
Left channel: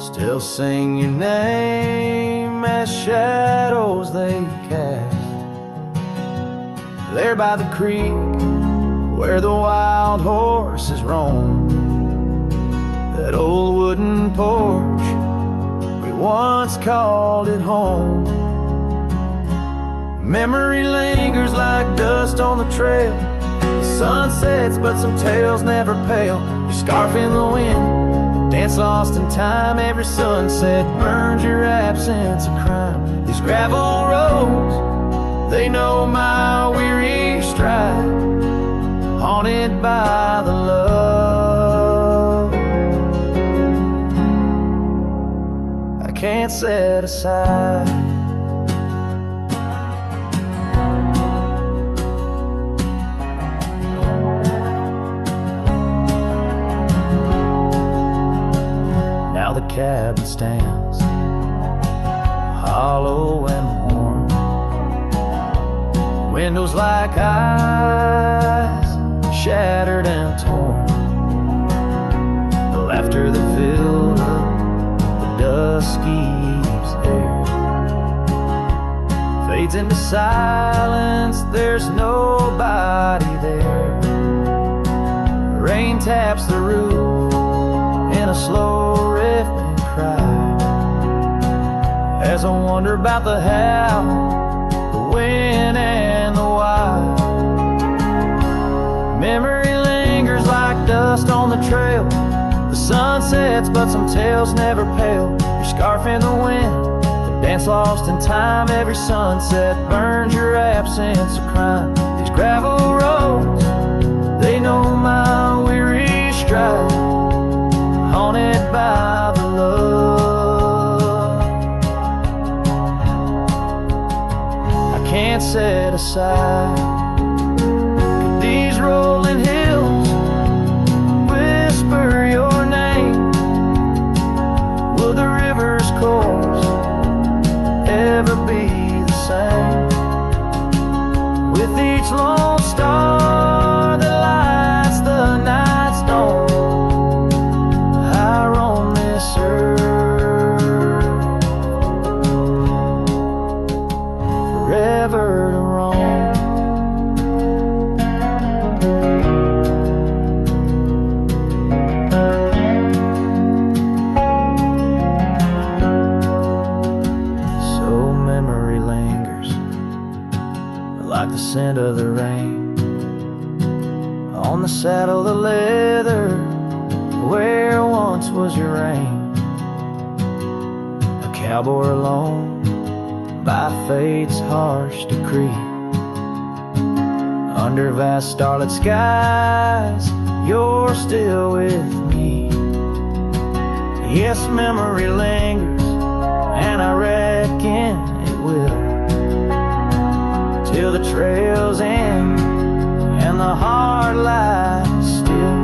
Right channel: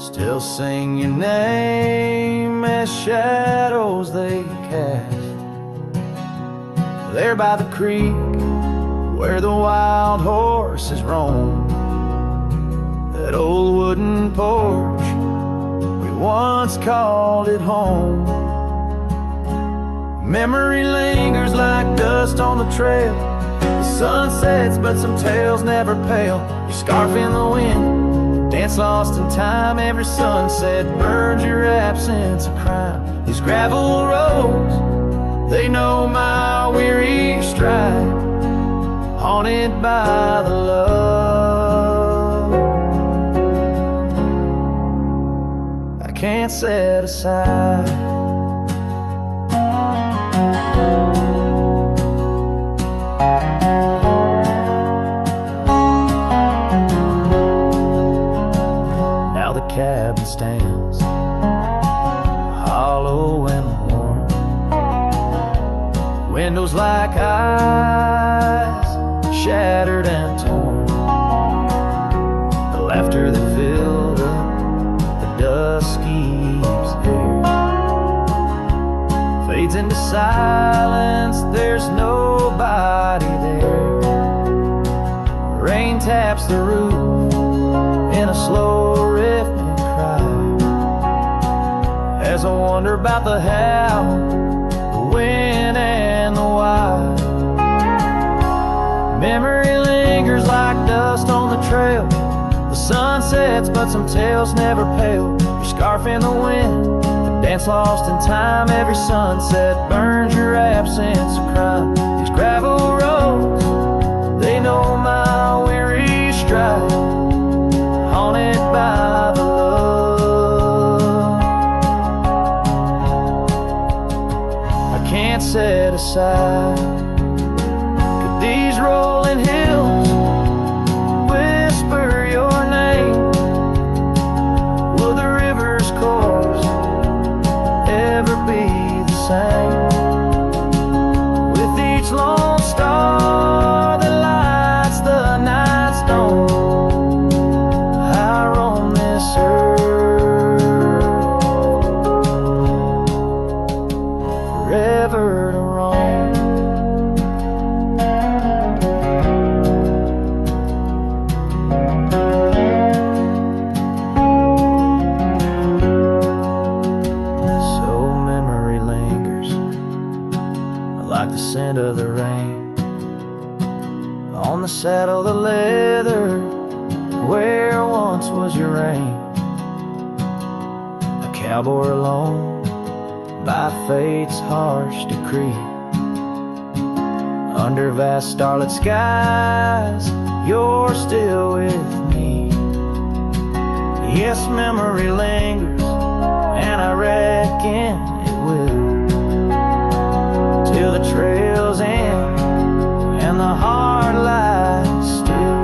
still sing your name as shadows they cast. There by the creek where the wild horses roam, that old wooden porch, we once called it home. Memory lingers like dust on the trail. The sun sets, but some tales never pale. Your scarf in the wind, a dance lost in time. Every sunset burns your absence a crime. These gravel roads, they know my weary stride, haunted by the love I can't set aside. Now the cabin stands hollow and worn, windows like eyes shattered and torn. The laughter that filled up the dusky eve's air fades into silence, there's nobody there. Rain taps the roof in a slow rhythmic cry, as I wonder about the how, the when and the why. Memory lingers like dust on the trail. The sun sets but some tales never pale. Your scarf in the wind, the dance lost in time. Every sunset burns your absence of crime. These gravel roads, they know my weary stride, haunted by the love I can't set aside. Could these rolling hills whisper your name? Will the river's course ever be the same? With each lone star that lights the night stone, I roam this earth, forever to roam. So memory lingers like the scent of the rain on the saddle, the leather where once was your reign. A cowboy alone by fate's harsh decree, under vast starlit skies, you're still with me. Yes, memory lingers, and I reckon it will, till the trails end and the heart lies still.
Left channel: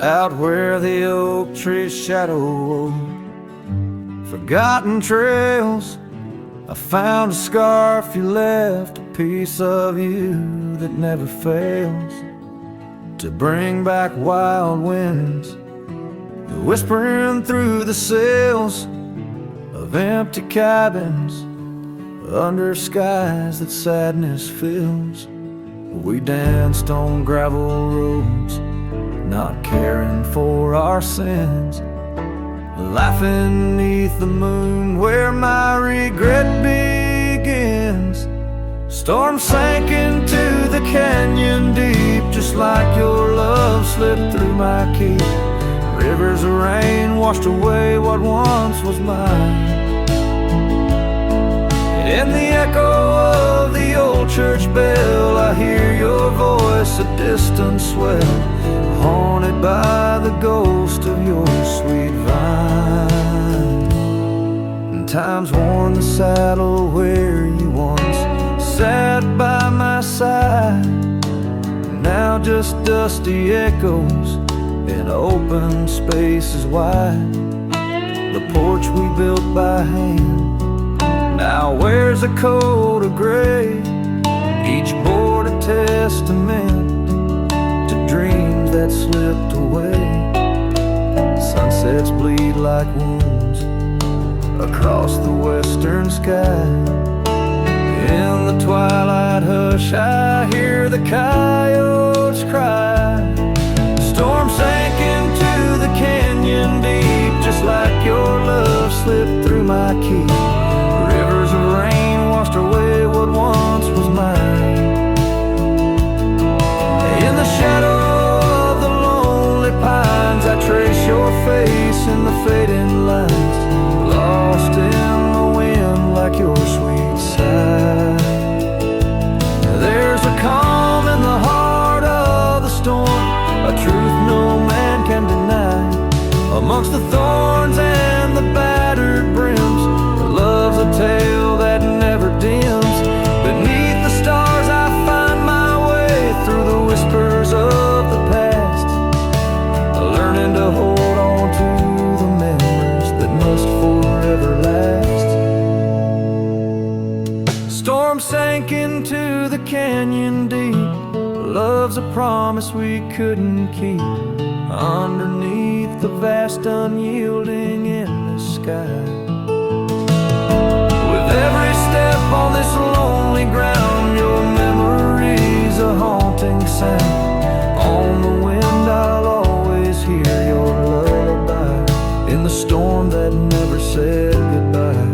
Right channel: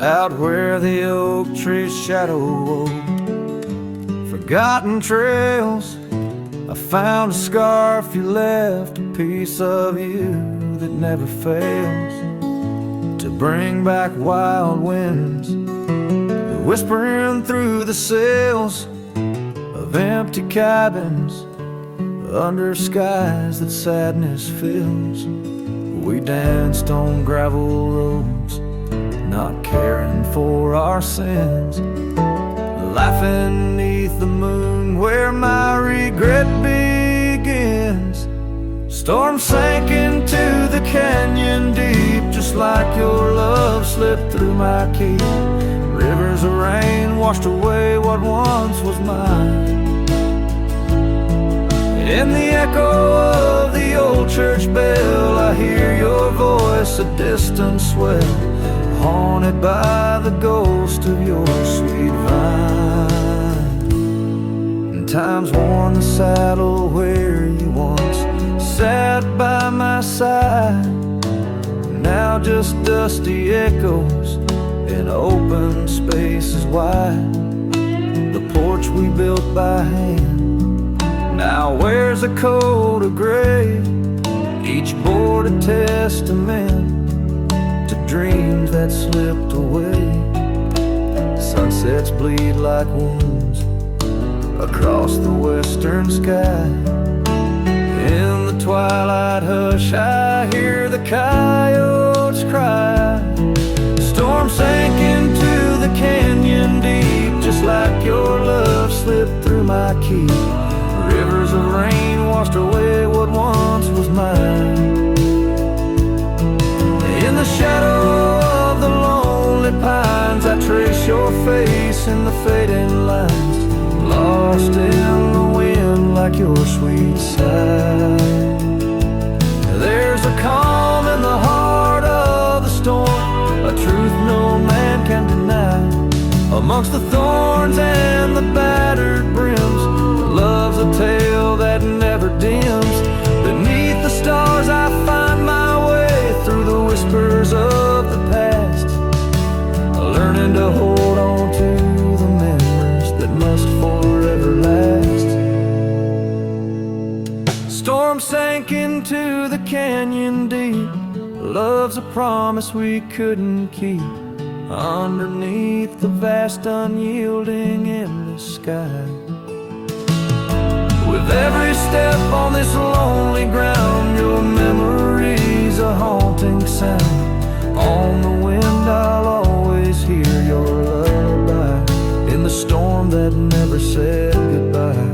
Out where the oak tree's shadow wove forgotten trails, I found a scarf you left, a piece of you that never fails to bring back wild winds, whispering through the sails of empty cabins under skies that sadness fills. We danced on gravel roads, not caring for our sins, laughing neath the moon where my regret begins. Storm sank into the canyon deep, just like your love slipped through my key. Rivers of rain washed away what once was mine. In the echo of the old church bell, I hear your voice, a distant swell, haunted by the ghost of your sweet vine. And time's worn the saddle where you once sat by my side, now just dusty echoes in open spaces wide. The porch we built by hand now wears a coat of gray, each board a testament to dreams that slipped away. Sunsets bleed like wounds across the western sky. In the twilight hush I hear the coyotes cry. Storm sank into the canyon deep, just like your love slipped through my key. Rivers of rain washed away what once was mine. In the shadow of the lonely pines, I trace your face in the fading lines, lost in the wind like your sweet sigh. There's a calm in the heart of the storm, a truth no man can deny. Amongst the thorns and the battered brims, love's a tale that never dims. Beneath the stars I find my way through the whispers of the past, learning to hold on to the memories that must forever last. storm sank into the canyon deep. Love's a promise we couldn't keep. Underneath the vast, unyielding, endless sky. With every step on this lonely ground, your memory's a haunting sound. On the wind I'll always hear your lullaby, in the storm that never said goodbye.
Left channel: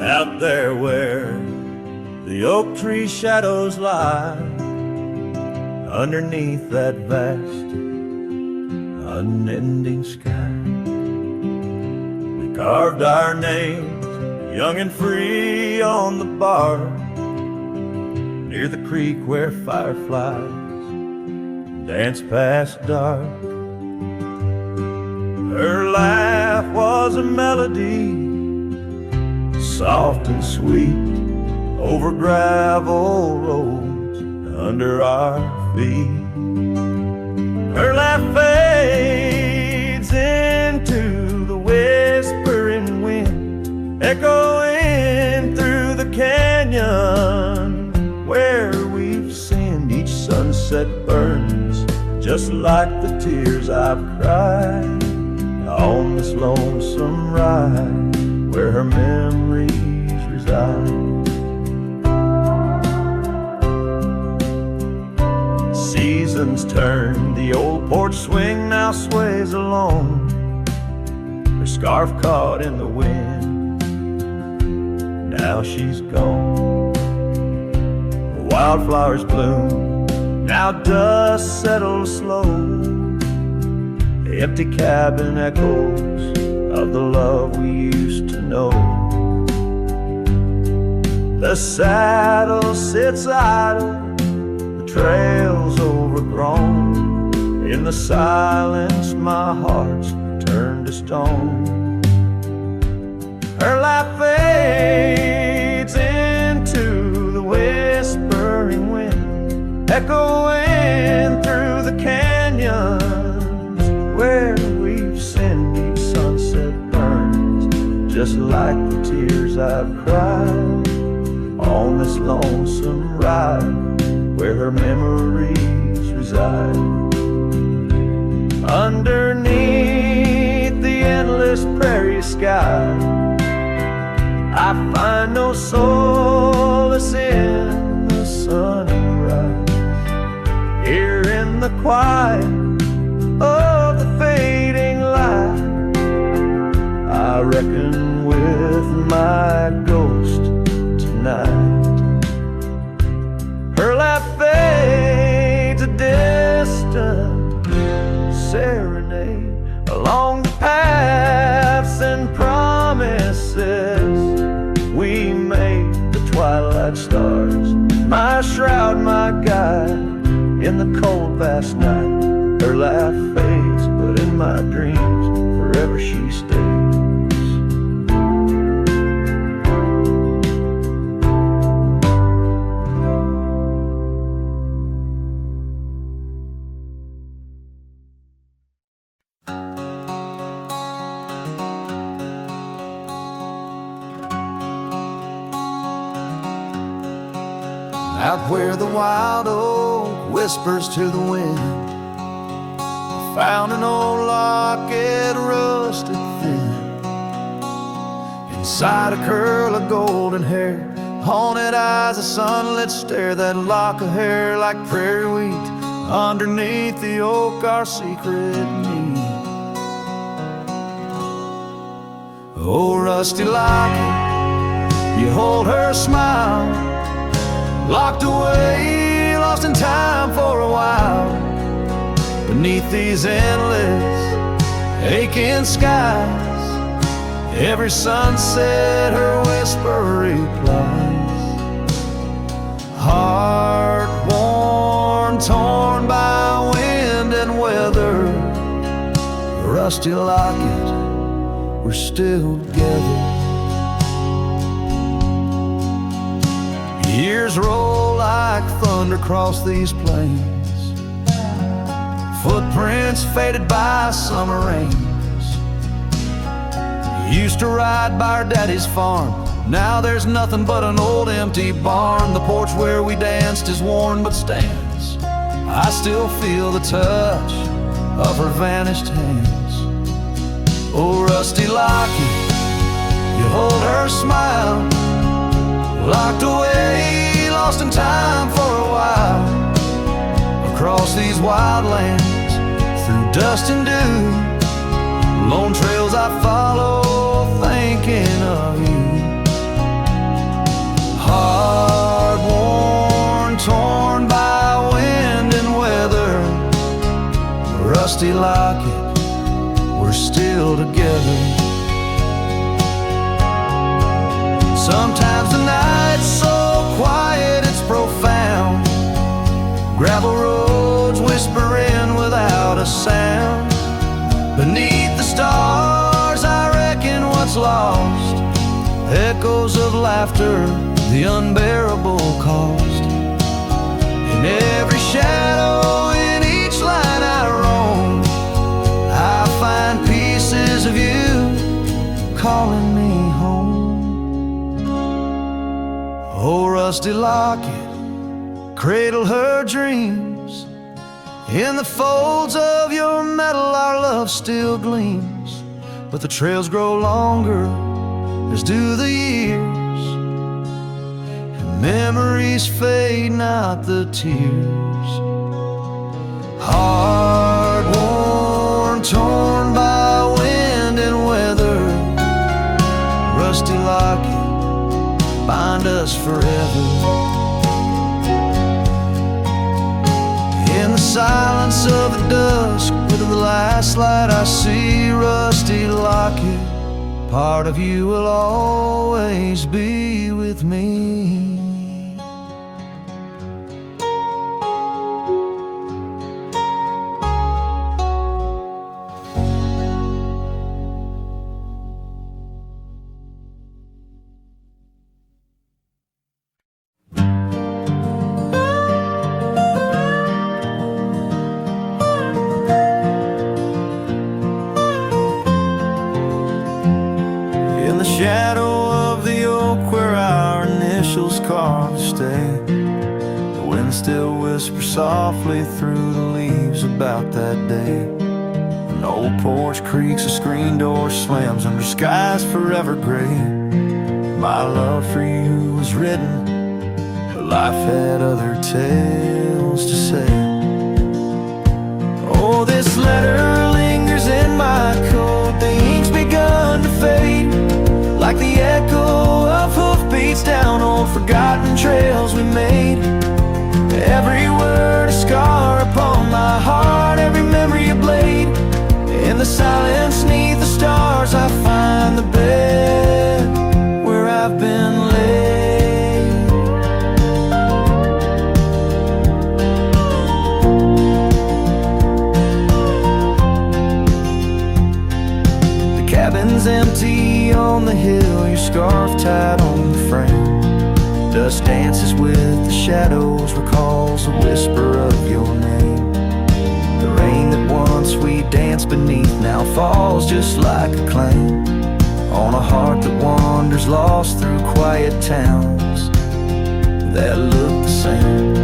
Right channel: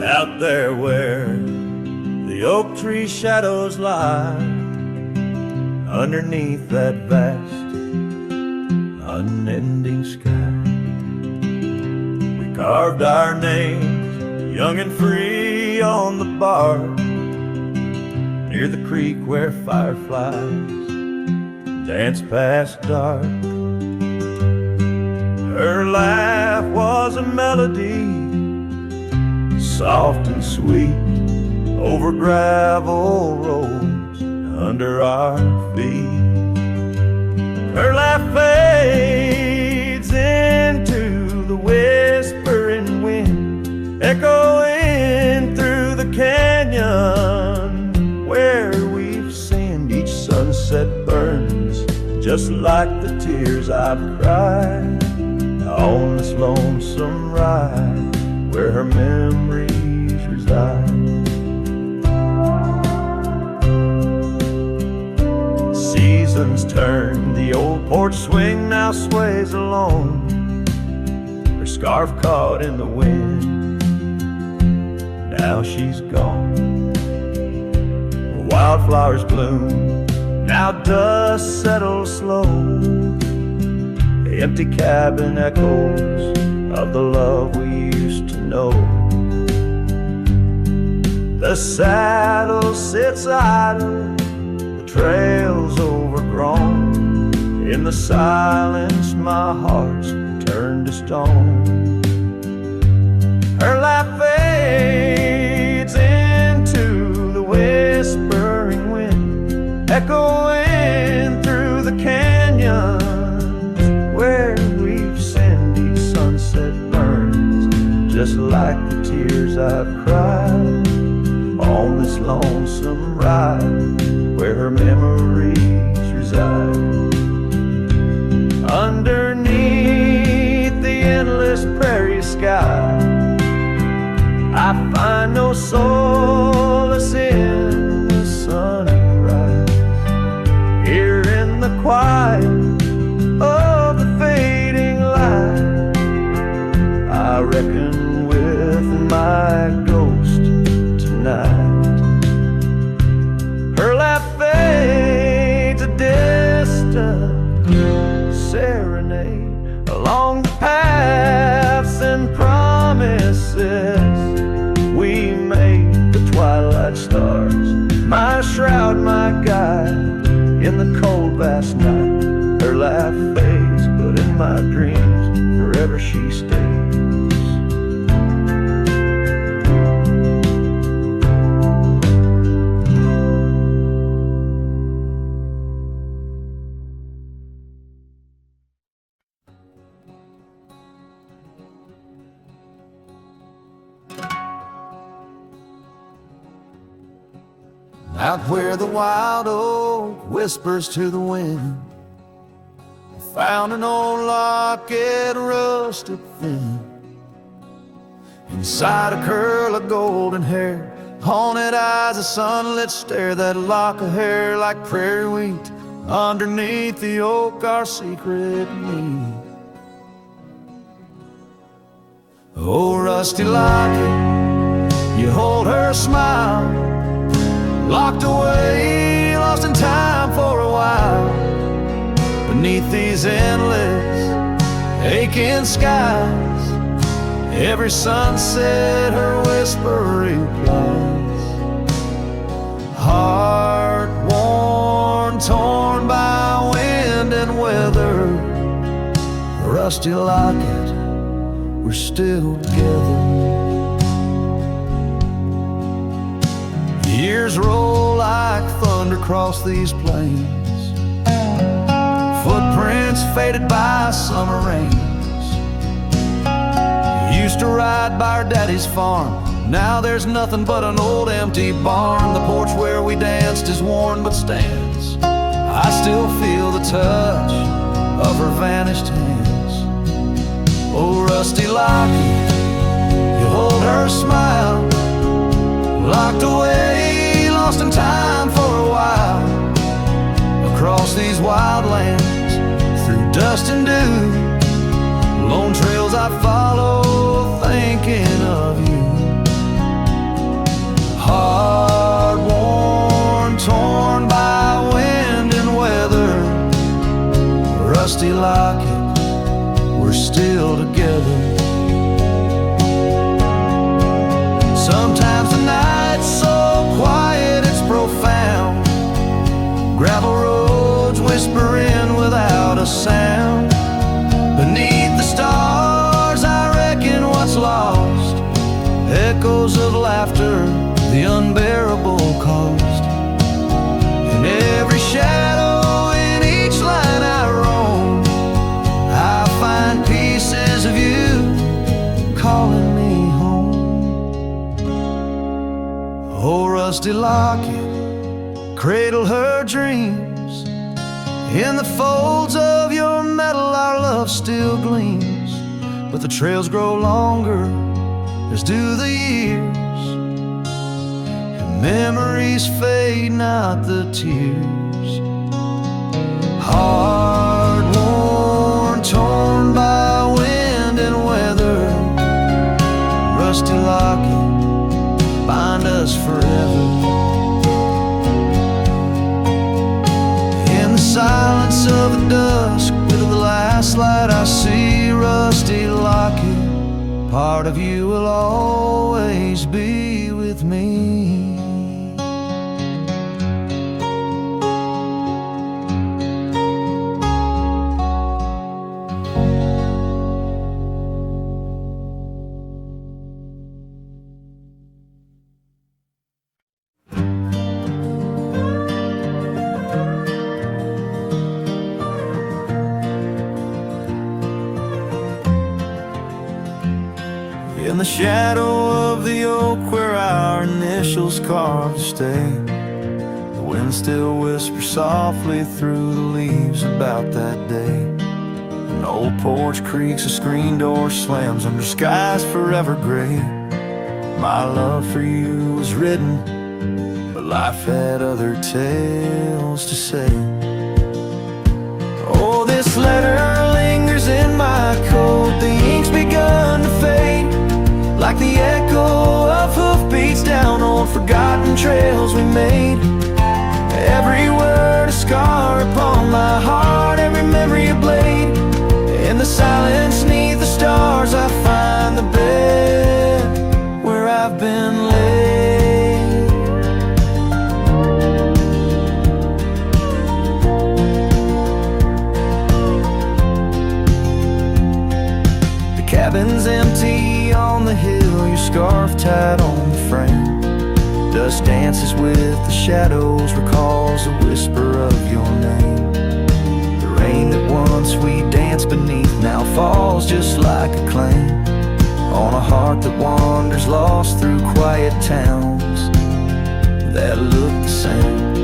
Out there where the oak tree shadows lie, underneath that vast, unending sky, we carved our names, young and free, on the bar, near the creek where fireflies dance past dark. Her laugh was a melody, soft and sweet, over gravel roads under our feet. Her laugh fades into the whispering wind, echoing through the canyon where we've sinned. Each sunset burns just like the tears I've cried on this lonesome ride where her memories reside. Seasons turn, the old porch swing now sways alone, her scarf caught in the wind, now she's gone. Wildflowers bloom, now dust settles slow, the empty cabin echoes of the love we used to know. The saddle sits idle, the trail's overgrown, in the silence my heart's turned to stone. Her laugh fades into the whispering wind, echoing through the canyons where we've sinned. Each sunset burns just like the tears I've cried on this lonesome ride where her memories reside. Underneath the endless prairie sky, I find no solace in the sunrise. Here in the quiet of the fading light, I reckon with my ghost tonight. Her laugh fades, a distant serenade along the paths and promises we made. The twilight stars, my shroud, my guide, in the cold vast night. Her laugh fades, but in my dreams forever she stays. Out where the wild oak whispers to the wind, I found an old locket rusted thin. Inside a curl of golden hair, haunted eyes, a sunlit stare, that lock of hair like prairie wheat. Underneath the oak, our secret need. Oh, rusty locket, you hold her smile, locked away, lost in time for a while. Beneath these endless, aching skies, every sunset her whisper replies. Heart worn, torn by wind and weather, rusty locket we're still together. Years roll like thunder across these plains, footprints faded by summer rains. Used to ride by our daddy's farm, now there's nothing but an old empty barn. The porch where we danced is worn but stands. I still feel the touch of her vanished hands. Oh, rusty locket, you hold her smile, locked away, lost in time for a while. Across these wild lands, through dust and dew, lone trails I follow, thinking of you. Hard worn, torn by wind and weather, rusty locket, we're still together. Sometimes the night's so quiet it's profound, gravel roads whispering without a sound. Beneath the stars I reckon what's lost, echoes of laughter, the unbearable cost. In every shadow, in each line I roam, I find pieces of you calling me home. Oh, rusty locket, cradle her dreams. In the folds of your metal our love still gleams. But the trails grow longer, as do the years, and memories fade, not the tears. Hard worn, torn by wind and weather, rusty locket, bind us forever. In the silence of the dusk, with the last light I see, rusty locket, part of you will always be with me. In the shadow of the oak where our initials carved to stay, the wind still whispers softly through the leaves about that day. An old porch creaks, a screen door slams under skies forever gray. My love for you was written, but life had other tales to say. Oh, this letter lingers in my coat, the ink's begun to fade, like the echo of hoofbeats down old forgotten trails we made. Every word a scar upon my heart, every memory a blade. In the silence neath the stars I find the bed where I've been laid. The cabin's empty on the hill, your scarf tied on the frame. Dust dances with the shadows, recalls a whisper of your name. The rain that once we danced beneath now falls just like a claim on a heart that wanders lost through quiet towns that look the same.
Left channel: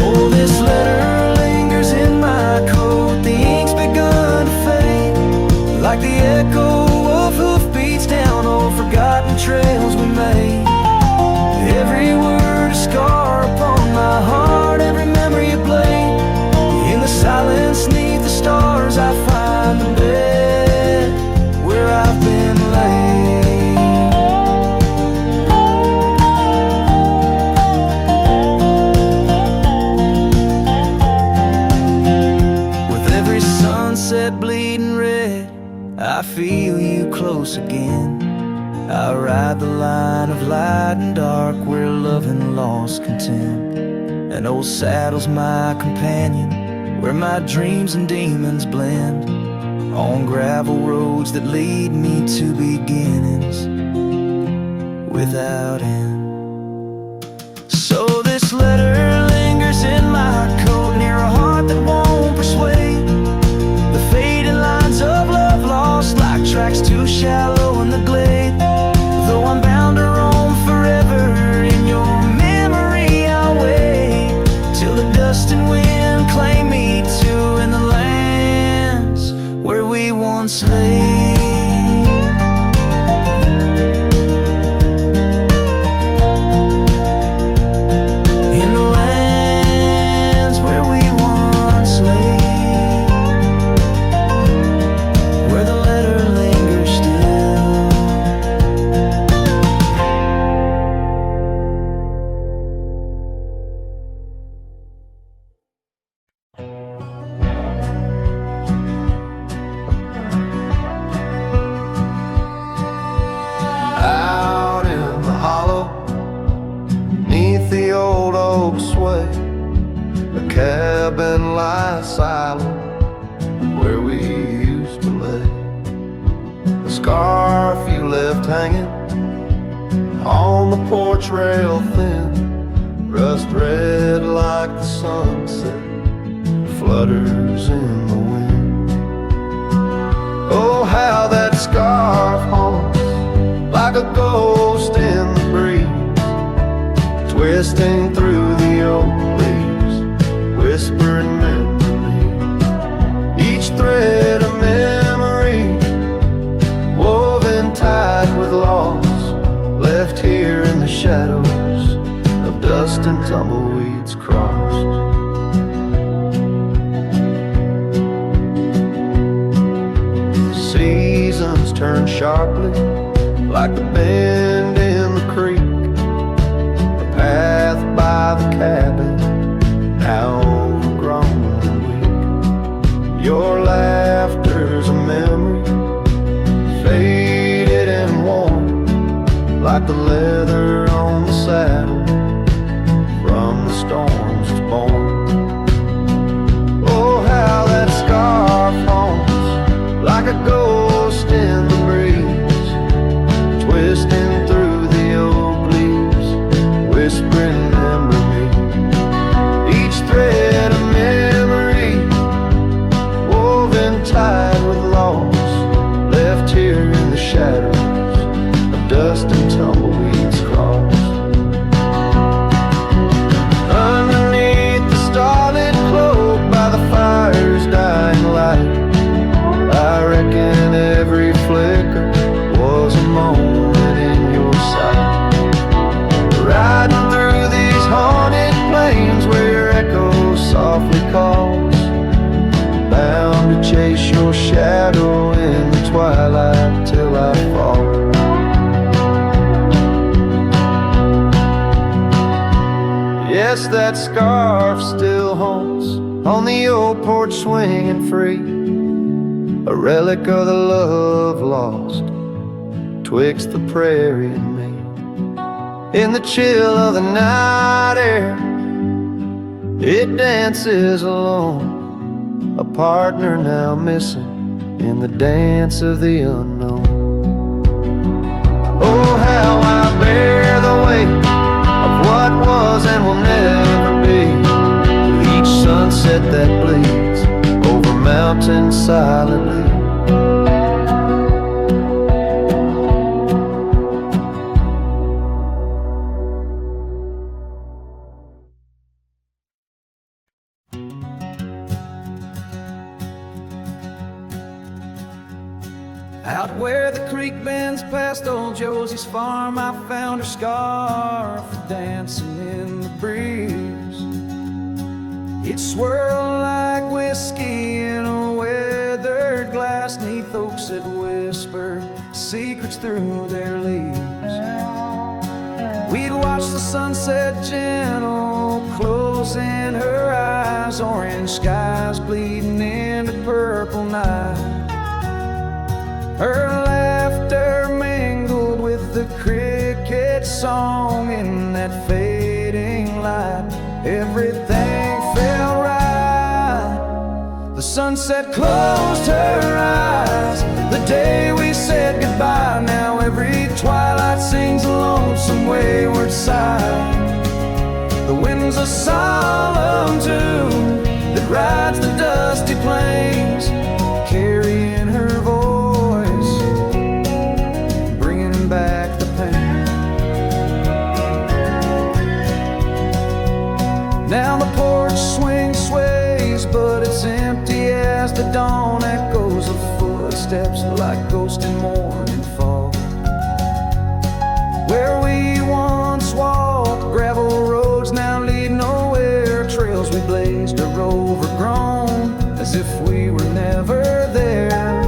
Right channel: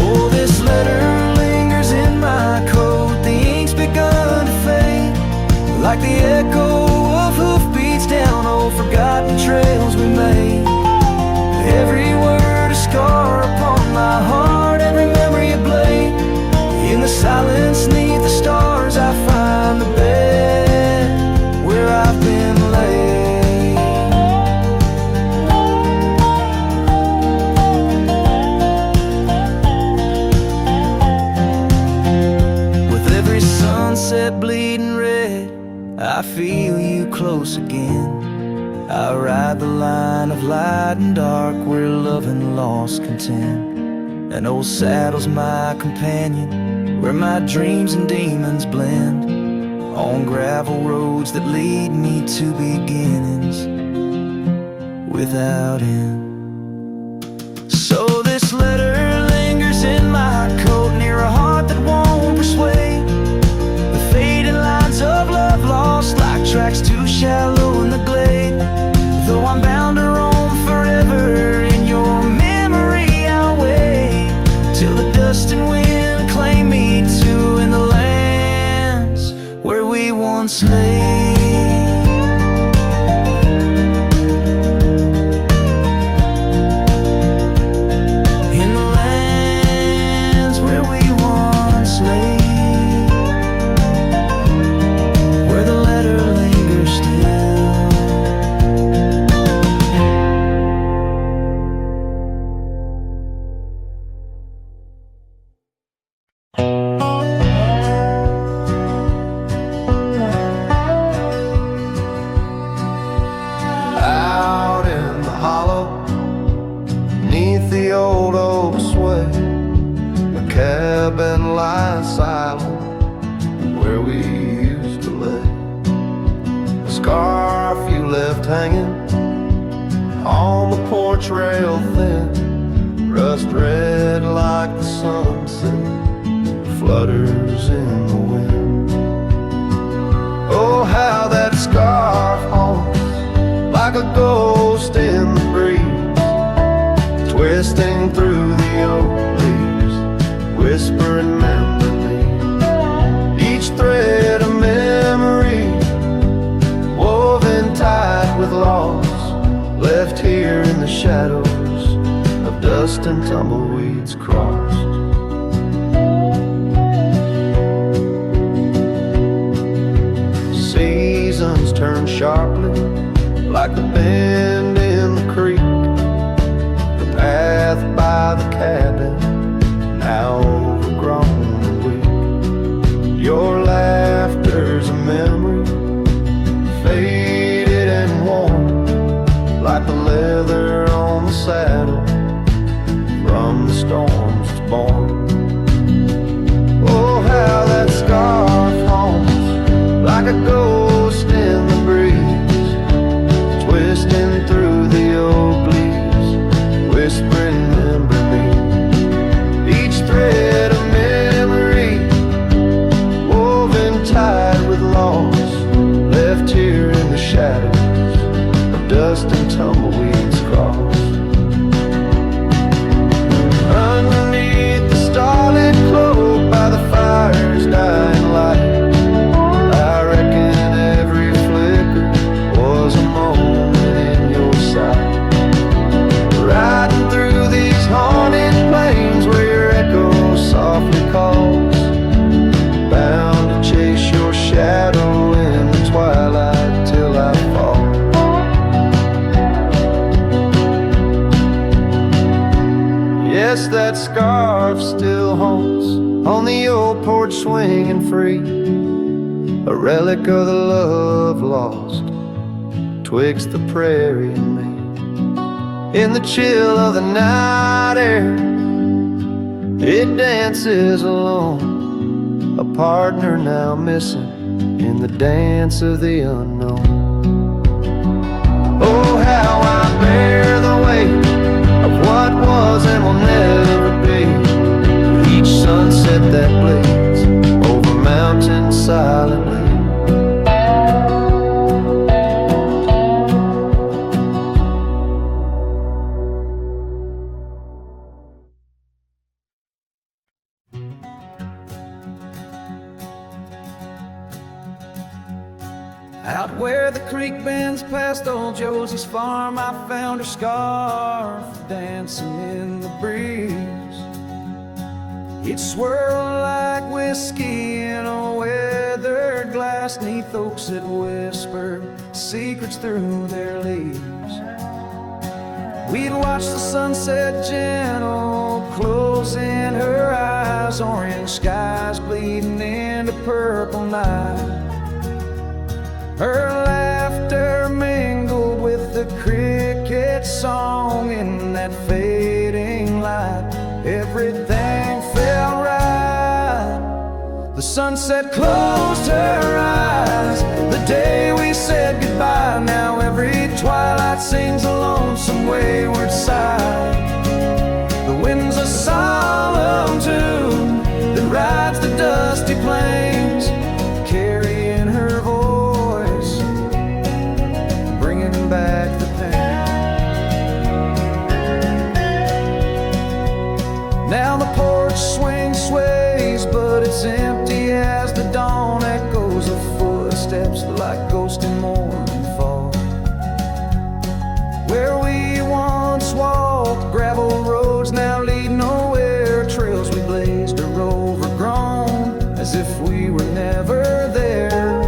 Oh, this letter lingers in my coat, the ink's begun to fade, like the echo of hoofbeats down old forgotten trails we made. Every word a scar upon my heart, every memory a blade. In the silence neath the stars I find the bed where I've been laid. With every sunset bleeding red, I feel you close again. I ride the line of light and dark where love and loss contend. An old saddle's my companion, where my dreams and demons blend. on gravel roads that lead me to beginnings without end. So this letter lingers in my coat, near a heart that won't persuade. The fading lines of love lost like tracks too shallow in the glade. Though I'm bound to roam forever in your memory, I'll wait till the dust and wind claim me too in the lands where we once lay. In the lands where we once lay, where the letter lingers still. Out in the hollow, beneath the old oak sway, a cabin lies silent where we used to lay. A scarf you left hanging on the porch rail thin, rust red like the sunset flutters in the wind. Oh, how that scarf haunts like a ghost in the breeze, twisting through the oak leaves, whispering memory. Each thread a memory, woven tight with loss, left here in the shadows of dust and tumbleweeds crossed. Seasons turn sharply like the bend in the creek. The path by the cabin, now overgrown and weak. Your laughter's a memory, faded and worn, like the leather on the saddle from the storms it's born. Oh, how that scarf haunts like a ghost in the breeze, twisting through the oak leaves, whispering remember me. Each thread a memory, woven tight with loss, left here in the shadows of dust and tumbleweeds crossed. Underneath the starlit cloak by the fire's dying light, I reckon every flicker was a moment in your sight. Riding through these haunted plains where your echo softly calls, bound to chase your shadow in the twilight till I fall. Yes, that scarf still haunts on the old porch swinging free, a relic of the love lost twixt the prairie and me. In the chill of the night air, it dances alone, a partner now missing in the dance of the unknown. Oh, how I bear the weight of what was and will never be, with each sunset that bleeds over mountains silently. Out where the creek bends past old Josie's farm, I found her scarf dancing in the breeze. It swirled like whiskey in a weathered glass, 'neath oaks that whisper secrets through their leaves. We'd watch the sunset gentle, closing her eyes, orange skies bleeding into purple night. Her laughter mingled with the cricket song in that fading light. Everything felt right. The sunset closed her eyes the day we said goodbye. Now every twilight sings a lonesome wayward sigh. The wind's a solemn tune that rides the dusty plains, carrying her voice, bringing back the pain. Now the porch swing sways, but it's empty as the dawn echoes of footsteps like ghosts in morning fog. Where we once walked, gravel roads now lead nowhere. Trails we blazed are overgrown, as if we were never there.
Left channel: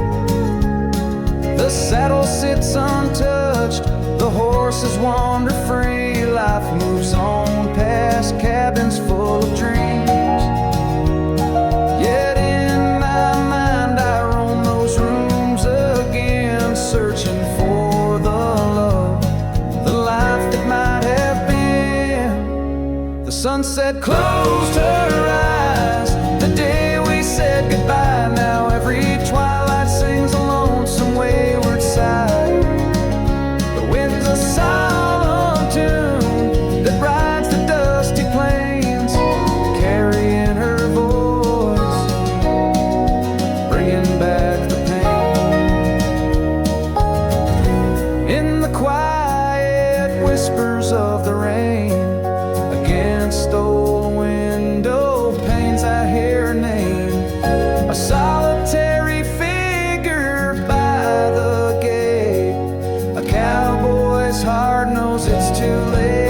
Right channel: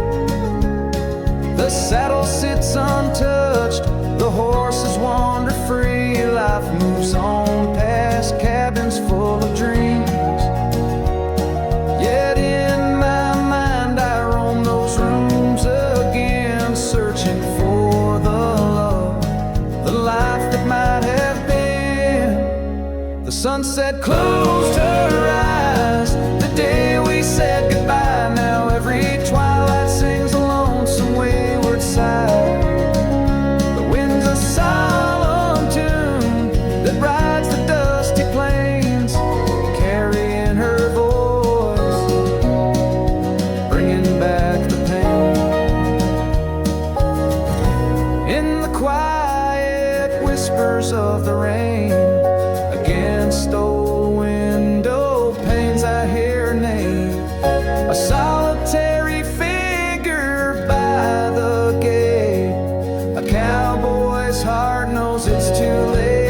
The saddle sits untouched, the horses wander free. Life moves on past cabins full of dreams. Yet in my mind I roam those rooms again, searching for the love, the life that might have been. The sunset closed her eyes the day we said goodbye. Now every twilight sings a lonesome wayward sigh. The wind's a solemn tune that rides the dusty plains, carrying her voice, bringing back the pain. In the quiet whispers of the rain, against old window panes I hear her name, a solitary figure by the gate. A cowboy's heart knows it's too late.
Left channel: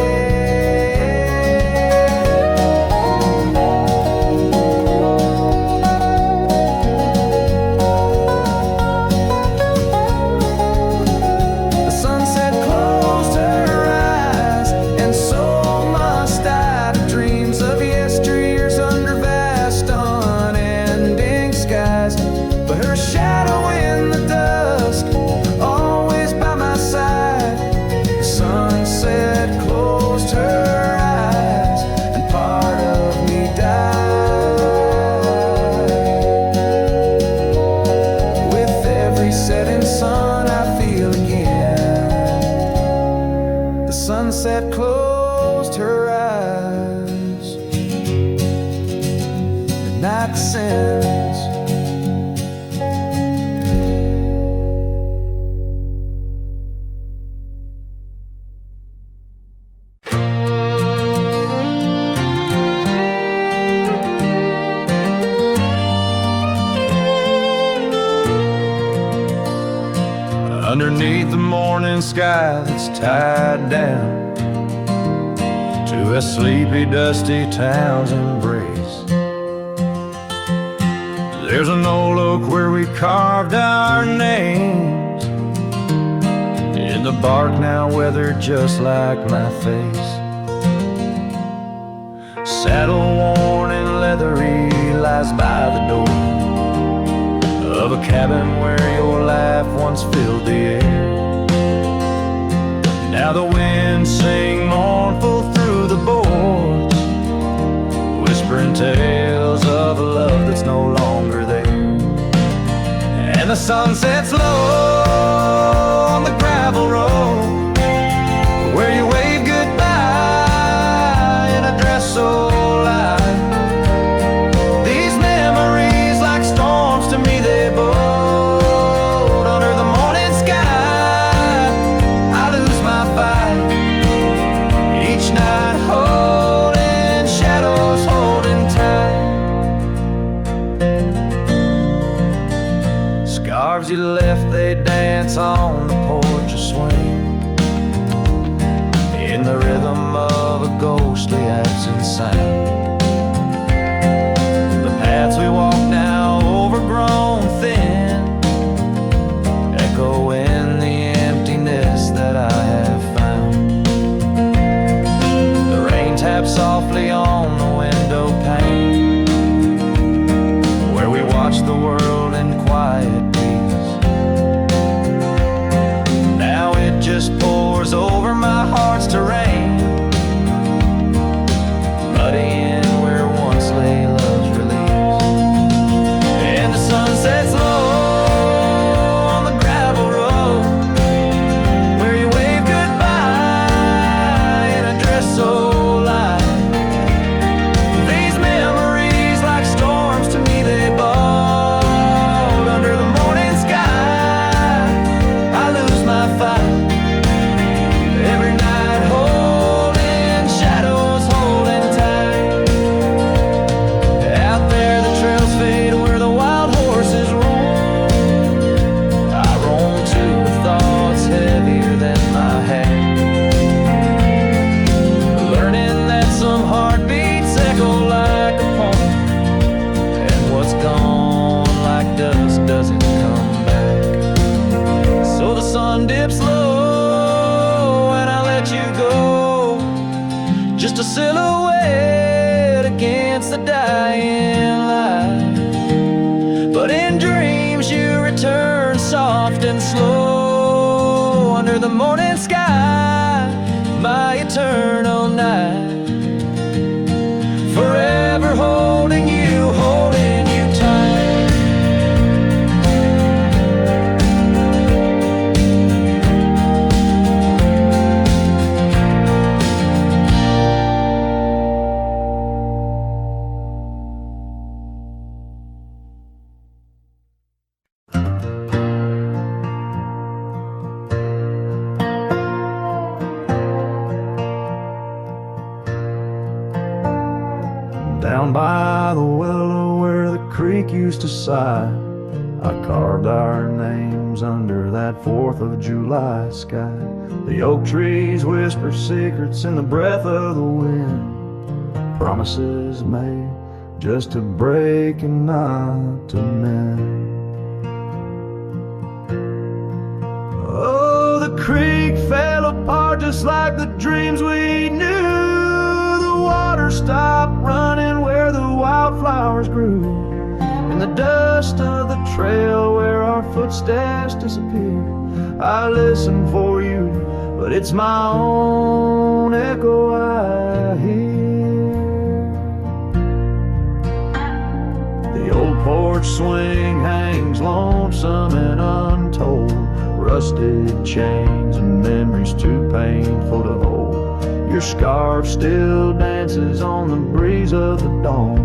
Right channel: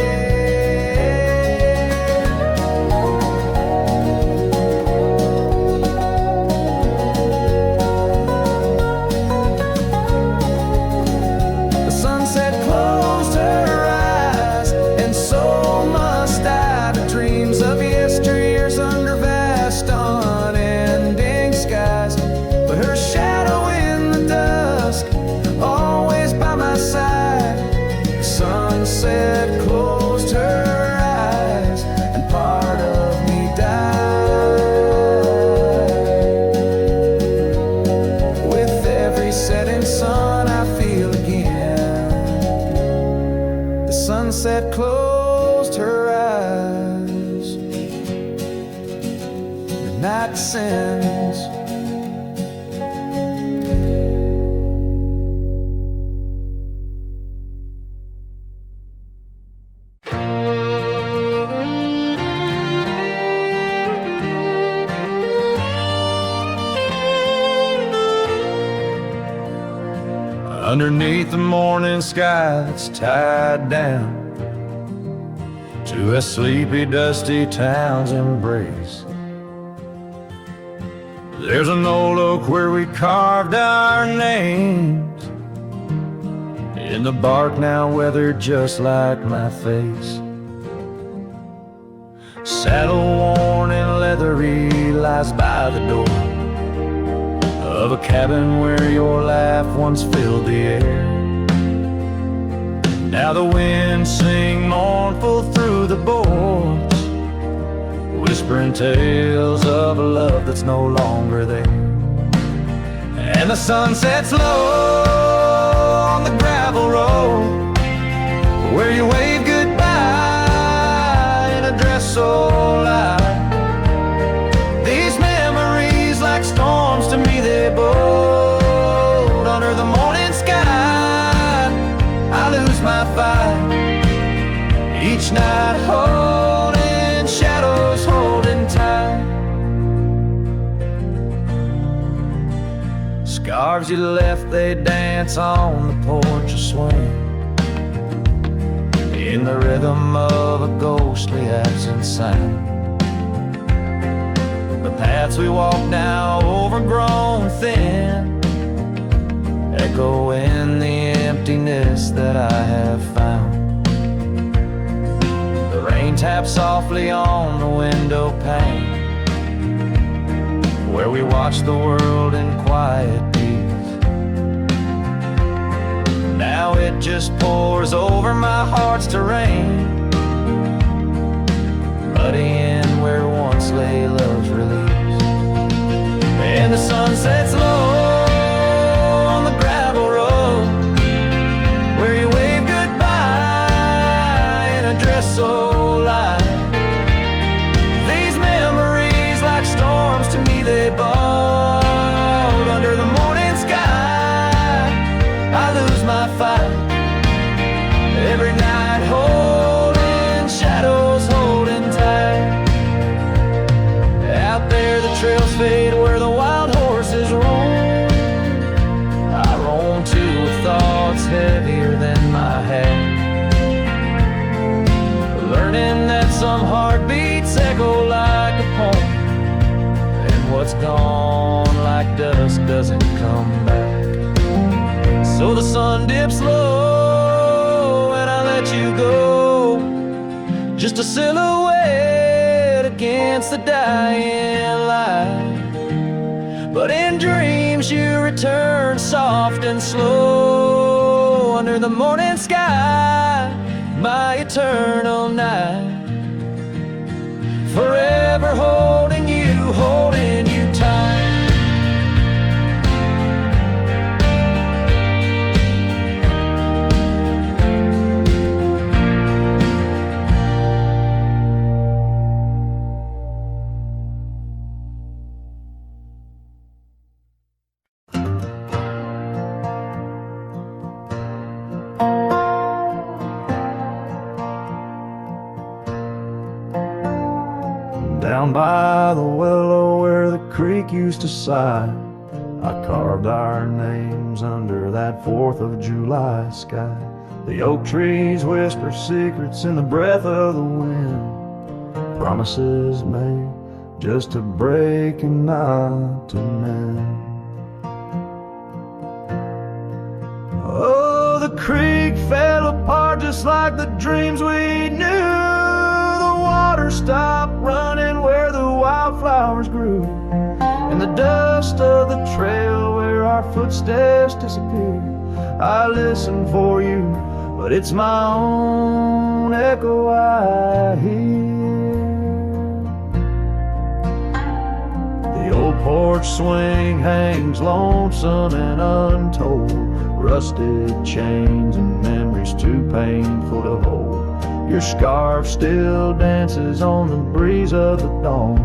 The sunset closed her eyes, and so must I, to dreams of yesteryears under vast unending skies. But her shadow in the dusk, always by my side. The sunset closed her eyes, and part of me died. With every setting sun I feel again. The sunset closed her eyes. The night descends. Underneath the morning sky that's tied down to a sleepy, dusty town's embrace, there's an old oak where we carved our names in the bark, now weathered just like my face. Saddle worn and leathery lies by the door of a cabin where your laugh once filled the air. Now the winds sing mournful through the boards, whispering tales of a love that's no longer there. And the sun sets low on the gravel road where you wave goodbye in a dress so light. These memories, like storms to me, they bold under the morning sky. I lose my fight each night, holding shadows, holding tight. Scarves you left, they dance on the porch or swing in the rhythm of a ghostly absent sound. The paths we walk now overgrown thin, echo in the emptiness that I have found. The rain taps softly on the window pane where we watch the world in quiet peace. Now it just pours over my heart's terrain, muddying where once lay love's release. sun sets low on the gravel road where you wave goodbye in a dress so light. These memories, like storms to me, they bought under the morning sky. I lose my fight every night, holding shadows, holding tight. Out there the trails fade where the wild horses roam. I roam too with thoughts heavier than my hat, learning that some heartbeats echo like a poem, and what's gone like dust doesn't come back. So the sun dips low and I let you go, just a silhouette against the dying light. But in dreams you return soft and slow under the morning sky, my eternal night. Forever holding you tight. Down by the willow where the creek used to sigh, I carved our names under that 4th of July sky. The oak trees whisper secrets in the breath of the wind, promises made just to break and not to mend. Oh, the creek fell apart just like the dreams we knew. Water stopped running where the wildflowers grew. In the dust of the trail where our footsteps disappear, I listen for you, but it's my own echo I hear. The old porch swing hangs lonesome and untold, rusted chains and memories too painful to hold. Your scarf still dances on the breeze of the dawn,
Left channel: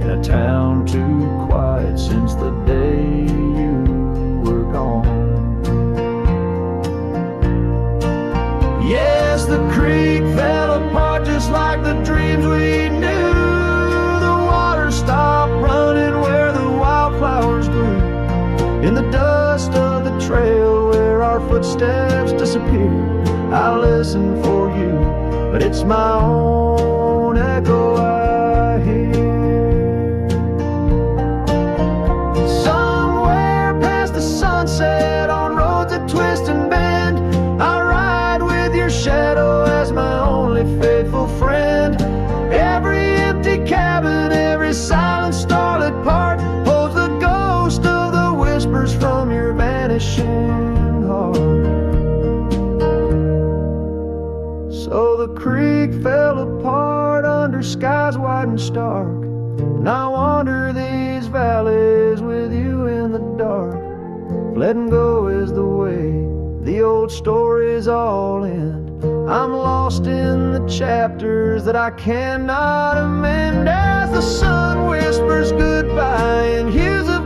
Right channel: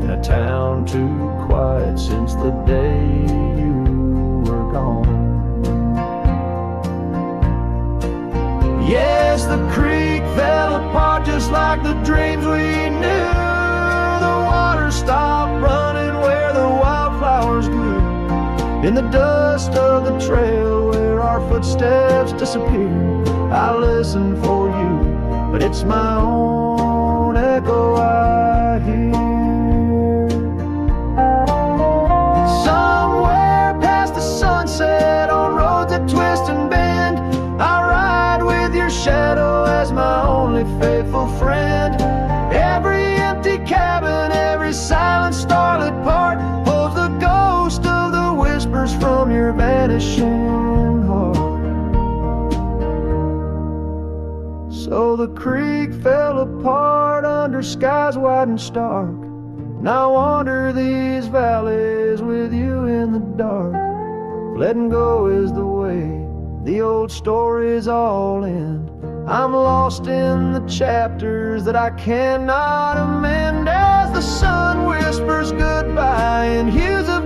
in a town too quiet since the day you were gone. Yes, the creek fell apart just like the dreams we knew. The water stopped running where the wildflowers grew. In the dust of the trail where our footsteps disappear, I listen for you, but it's my own echo I hear. Somewhere past the sunset on roads that twist and bend, I ride with your shadow as my only faithful friend. Every empty cabin, every silent starlit part holds the ghost of the whispers from your vanishing heart. So the creek fell apart under skies wide and stark, and I wander these valleys with you in the dark. Letting go is the way the old stories all end. I'm lost in the chapters that I cannot amend, as the sun whispers goodbye and hues of